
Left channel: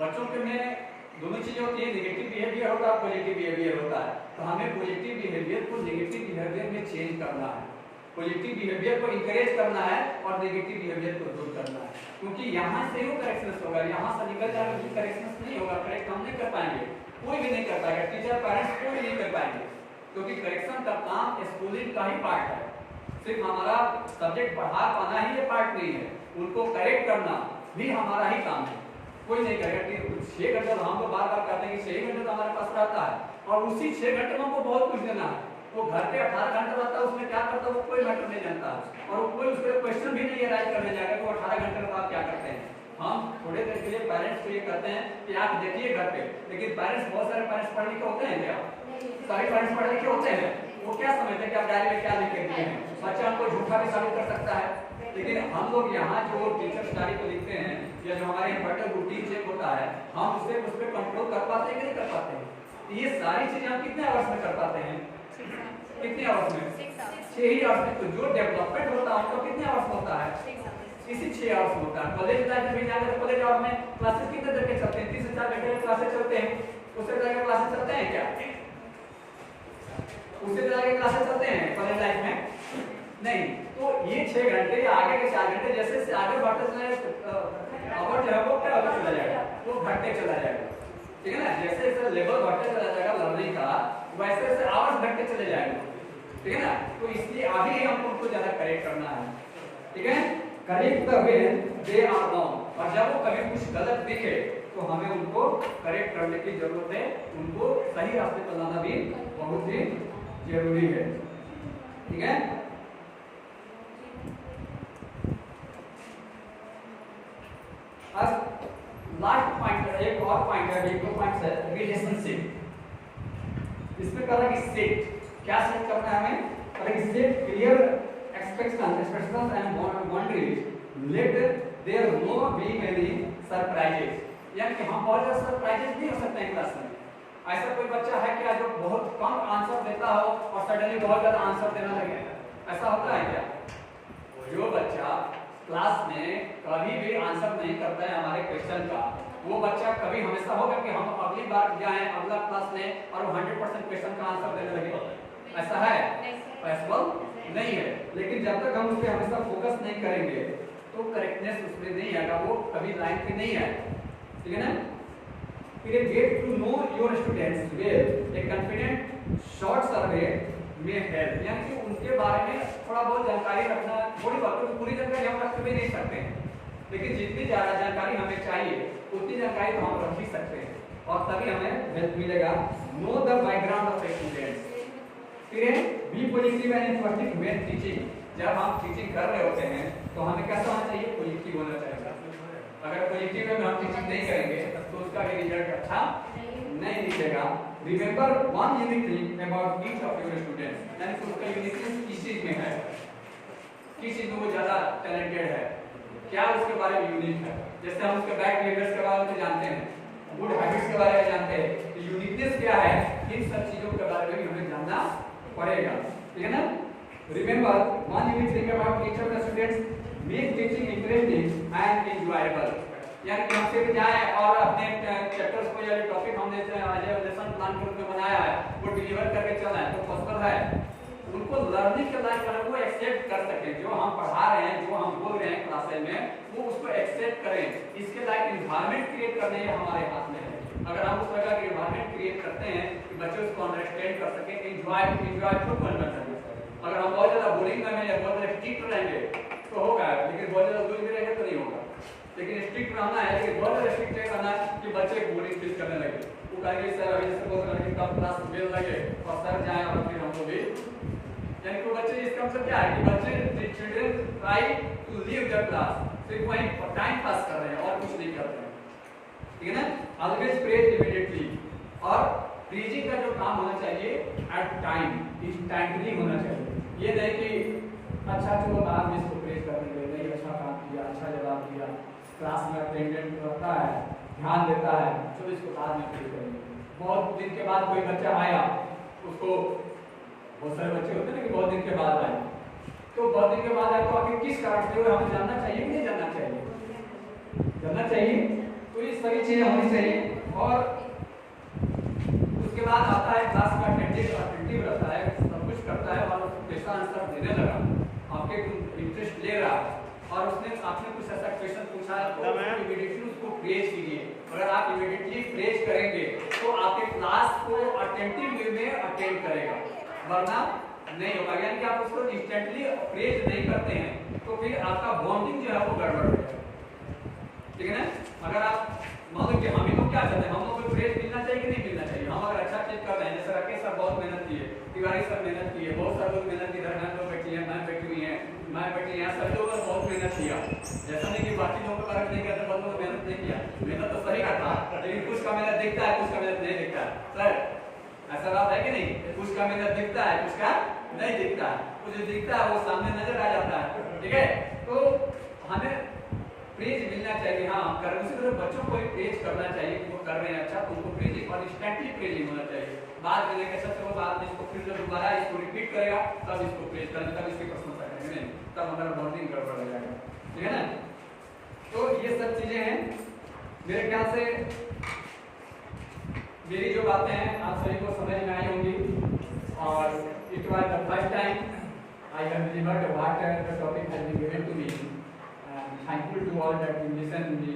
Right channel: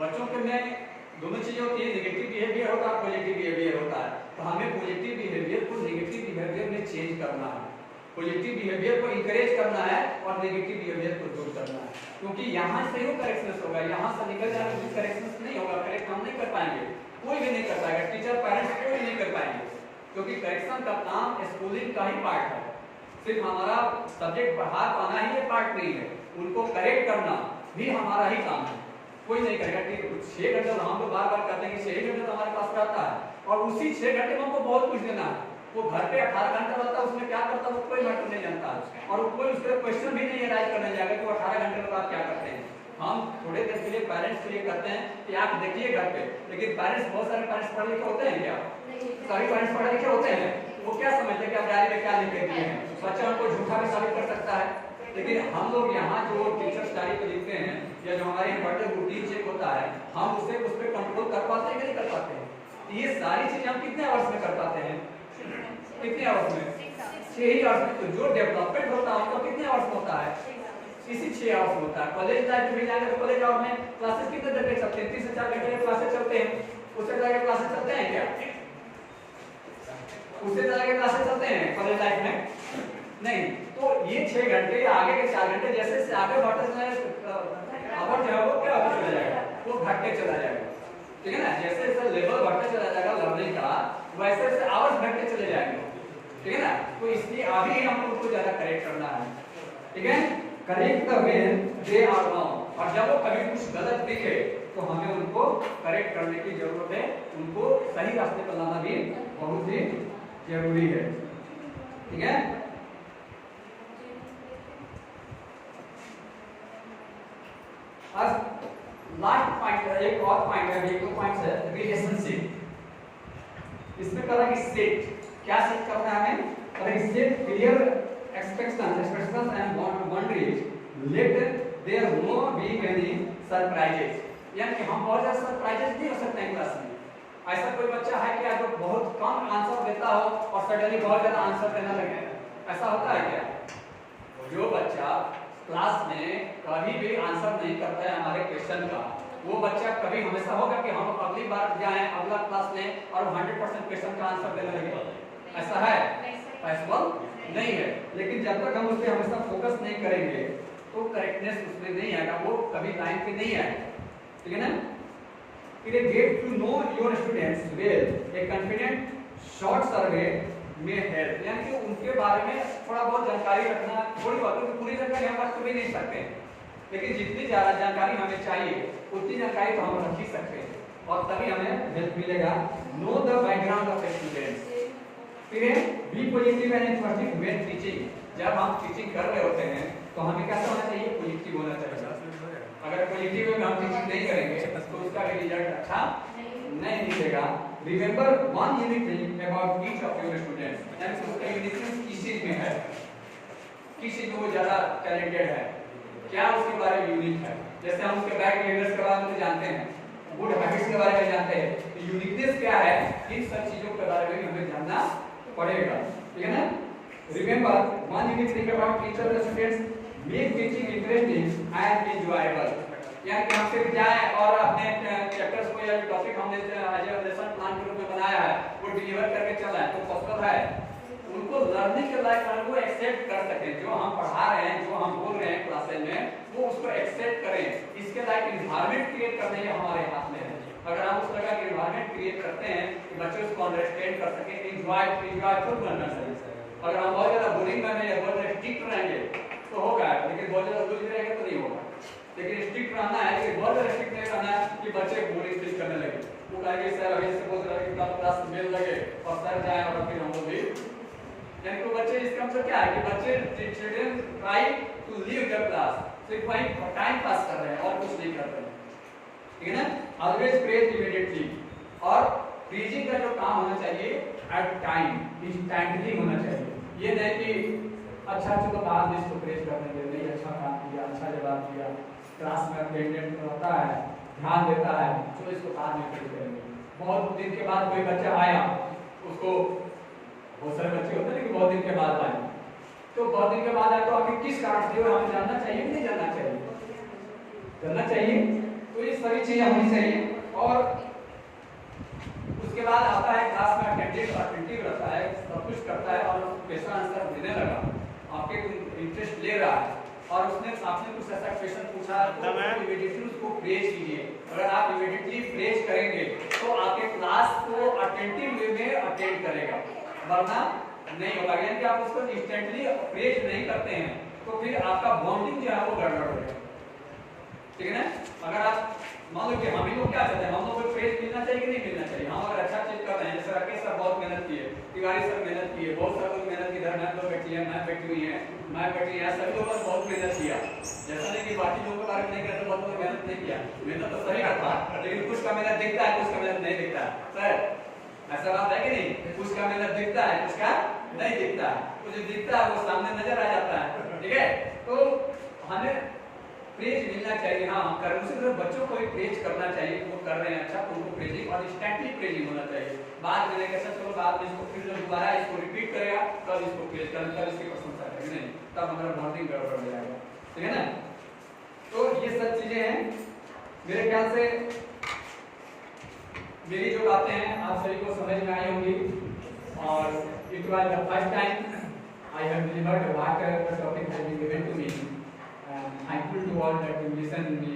बच्चों के में दोनों चीजें होती है, नेगेटिव बिहेवियर होता है, पॉजिटिव बिहेवियर होता है, तो हमें पॉजिटिव बिहेवियर को नेगेटिव बिहेवियर में चेंज करना है, पॉजिटिव बिहेवियर को इंकरेज करना है और नेगेटिव बिहेवियर को दूर करना है, क्योंकि यहाँ से ही करेक्शन होगा, यहाँ से निकल जाकर करेक्शन नहीं होगा, करेक्ट हम नहीं कर पाएंगे, कोई भी नहीं कर पाएगा, टीचर पेरेंट्स कोई भी नहीं कर पाएंगे, क्योंकि करेक्शन का काम स्कूलिंग का ही पार्ट है, सिर्फ हमारा सब्जेक्ट पढ़ा पाना ही ये पार्ट नहीं है, उनको करेक्ट करना भी हमारा ही काम है, कोई नहीं करेगा। 6 घंटे हम तो बार बार कहते हैं कि 6 घंटे तो हमारे पास रहता है और उसी 6 घंटे में हमको बहुत कुछ देना है, वो घर पे 18 घंटा रहता है, उसमें क्या करता है वो कोई मैटर नहीं जानता, और कोई उस पर क्वेश्चन भी नहीं राइज करने जाएगा कि वो 18 घंटे में आप क्या करते हैं। हम थोड़े देर के लिए पेरेंट्स के लिए करते हैं कि आप देखिए घर पे, लेकिन पेरेंट्स बहुत सारे पेरेंट्स पढ़े लिखे होते हैं क्या? सभी पेरेंट्स पढ़े लिखे होते हैं, वो क्या समझते हैं कि आप डायरी में क्या लिख के दिए हैं, बच्चा उनको झूठा भी साबित कर सकता है। लेकिन हम लोग यहाँ जो टीचर्स डायरी को लिखते हैं या जो हमारे इन्वर्टर रूटीन चेक होता है, हम उस पर कंट्रोल कर पाते हैं कि नहीं कर पाते हैं? ये सारी चीजें हम कितने आवर्स में कर पाते हैं? कितने आवर्स में? 6 ही आवर्स में। तो जो डेवलपमेंट होता है आपका कितने आवर्स में होता है? इसी 6 आवर्स में होता है। कॉलेज लाइफ में जाएंगे तो कॉलेज आवर में क्लासेस कितने देर के चलते हैं? 3 से 4 घंटे के क्लासेस चलते हैं, उससे ज्यादा क्लासेस चलते हैं क्या? उससे ज्यादा क्लासेस चलते हैं कॉलेज लाइफ में? नहीं। तो ये 6 घंटे या आगे के 4 घंटे जैसे आगे बढ़ते चला आवर जो है वो क्या होता चला जाएगा, वो घटते चला जाएगा। ठीक है ना? जैसे जैसे लेवल बढ़ते चला जाएगा लर्निंग का, वैसे वैसे आवर्स घटते चले जाएंगे। ठीक है ना? तो इसलिए अभी हमको उनको ज्यादा करेक्ट करना है। ठीक है? Correct the when they are wrong, और जब वो कभी कुछ गलत दिखे तो हमें उनको करेक्ट करने की जरूरत है, उनको सही रास्ते पर लाना भी बहुत ही जरूरी है। ठीक है? अब लास्ट पॉइंट है, एक और पॉइंट है, एक दो पॉइंट्स है, रिलेशनशिप। इसमें करना है कि सेट, क्या सेट करना है हमें? अगर set clear expectations and boundaries, let there no be any surprises, यानी कि हम बहुत ज्यादा सरप्राइजेस नहीं हो सकते हैं क्लास में। ऐसा कोई बच्चा है क्या जो बहुत कम आंसर देता हो और सडनली बहुत ज्यादा आंसर देना लगे? ऐसा होता है क्या? जो बच्चा क्लास में कभी भी आंसर नहीं करता है हमारे क्वेश्चन का, वो बच्चा कभी हमेशा होगा कि हम अगली बार जाएं अगला क्लास में और 100% क्वेश्चन का आंसर देने लगे? ऐसा है? पॉसिबल नहीं है। लेकिन जब तक हम उस पर हमेशा फोकस नहीं करेंगे तो करेक्टनेस उसमें नहीं आएगा, वो कभी लाइन पे नहीं आएगा। ठीक है ना? फिर get to know your students well, a confident short survey में हेल्प, यानी कि उनके बारे में थोड़ा बहुत जानकारी रखना। थोड़ी बातों की पूरी जानकारी हम रख भी नहीं सकते, लेकिन जितनी ज्यादा जानकारी हमें चाहिए उतनी जानकारी तो हम रख ही सकते हैं, और तभी हमें हेल्प मिलेगा। Know the background of students, फिर be positive and positive when teaching, जब हम टीचिंग कर रहे होते हैं तो हमें कैसा होना चाहिए? पॉजिटिव होना चाहिए। अगर पॉजिटिव में हम टीचिंग नहीं करेंगे तो उसका भी रिजल्ट अच्छा नहीं दिखेगा। Remember one unique thing about each of your students, यानी कि उसका यूनिकनेस किस चीज में है, किस चीज में वो ज्यादा टैलेंटेड है, क्या उसके बारे में यूनिक है, जैसे हम उसके बैड बिहेवियर्स के बारे में जानते हैं, गुड हैबिट्स के बारे में जानते हैं, तो यूनिकनेस क्या है, इन सब चीजों के बारे में हमें जानना पड़ेगा, ठीक है ना। Remember one unique thing about teacher the students make teaching interesting and enjoyable. यानी कि हम सिर्फ जाए और अपने चैप्टर्स को या टॉपिक हमने लेसन प्लान के रूप में बनाया है वो डिलीवर करके चलना है तो पॉसिबल है। उनको लर्निंग के लायक वो एक्सेप्ट कर सकें, जो हम पढ़ा रहे हैं, जो हम बोल रहे हैं क्लासेस में, वो उसको एक्सेप्ट करें। इसके लायक एनवायरनमेंट क्रिएट करने हमारे हाथ में है। अगर हम उस तरह का एनवायरनमेंट क्रिएट करते हैं कि बच्चे उसको अंडरस्टैंड कर सकें, एंजॉयफुल बनना चाहिए। अगर हम बहुत ज्यादा बोरिंग में या बहुत ज्यादा स्ट्रिक्ट रहेंगे तो होगा, लेकिन बहुत ज्यादा दूर रहेंगे तो नहीं होगा। लेकिन स्ट्रिक्ट रहना है, लेकिन बहुत ज्यादा स्ट्रिक्ट नहीं रहना है कि बच्चे बोरिंग फील करने लगे। वो कहेंगे सर अभी से बहुत लड़के कम क्लास मिल लगे और सर जाए और फिर हमको भी, यानी कि बच्चे इसका मतलब क्या है कि बच्चे children try to leave the class, सिर्फ वही टाइम पास कर रहे हैं और कुछ नहीं कर रहे हैं, ठीक है ना। ऑलवेज प्रेज इमीडिएटली, और प्रेजिंग का जो काम होना चाहिए एट टाइम, इंस्टेंटली होना चाहिए। ये नहीं कि अच्छा चलो बाद में इसको प्रेज करने दे, नहीं अच्छा काम किया, अच्छा जवाब दिया, क्लास में अटेंडेंट रहता है, ध्यान देता है, तो इसको बाद में प्रेज करेंगे। बहुत दिन के बाद कोई बच्चा आया, उसको बहुत सारे बच्चे होते हैं लेकिन बहुत दिन के बाद आए, तो बहुत दिन के बाद आए तो आखिर किस कारण से हमें जानना चाहिए कि नहीं जानना चाहिए, जानना चाहिए। तो ये सभी चीजें होनी चाहिए। और उसके बाद आता है क्लास में अटेंटिव रहता है, सब कुछ करता है और क्वेश्चन आंसर देने लगा, आपके इंटरेस्ट ले रहा है और उसने आपने कुछ ऐसा क्वेश्चन पूछा तो इमीडिएटली उसको प्रेज कीजिए। अगर आप इमीडिएटली प्रेज करेंगे तो आपके क्लास को अटेंटिव वे में अटेंड करेगा, वरना नहीं होगा। यानी कि आप उसको इंस्टेंटली प्रेज नहीं करते हैं तो फिर आपका बॉन्डिंग जो है वो गड़बड़ हो जाएगा, ठीक है ना। अगर आप मान लो कि हम ही लोग क्या चाहते हैं, हम लोग को प्रेज मिलना चाहिए कि नहीं मिलना चाहिए। हम अगर अच्छा चीज कर रहे हैं, जैसे राकेश सर बहुत मेहनत की है, तिवारी सर मेहनत की है, बहुत सारे लोग मेहनत की, धर्मेंद्र लोग बैठी है, मैं बैठी हुई है, मैं बैठी है, सभी लोगों ने बहुत मेहनत किया। जैसा नहीं कि बाकी लोगों के बारे में नहीं कहते, बहुत लोग मेहनत नहीं किया, मेहनत तो सभी का था, लेकिन कुछ का मेहनत दिखता है, कुछ का मेहनत नहीं दिखता है। सर ऐसा बात है कि नहीं, कुछ का मेहनत दिखता है, कुछ का नहीं दिखता है, कुछ दिखता है वो सामने नजर आ जाता है, ठीक है। तो हमें प्रेज मिलना चाहिए, हाँ हम कर, उसी तरह बच्चों को भी प्रेज करना चाहिए, वो कर रहे हैं अच्छा तो उनको प्रेजिंग और इंस्टेंटली प्रेजिंग होना चाहिए। बाद में कैसा चलो बाद में इसको फिर जब दोबारा इसको रिपीट करेगा तब इसको प्रेज करें, तब इसकी प्रशंसा करेंगे, नहीं तब हमारा बॉन्डिंग गड़बड़ हो जाएगा, ठीक है ना। तो ये सब चीजें हैं, मेरे ख्याल से मेरी जो बातें हैं आप सभी को समझ में आई होंगी। और it was the first time I have delivered what the topic has been given to me, and thankful to all that you listen me.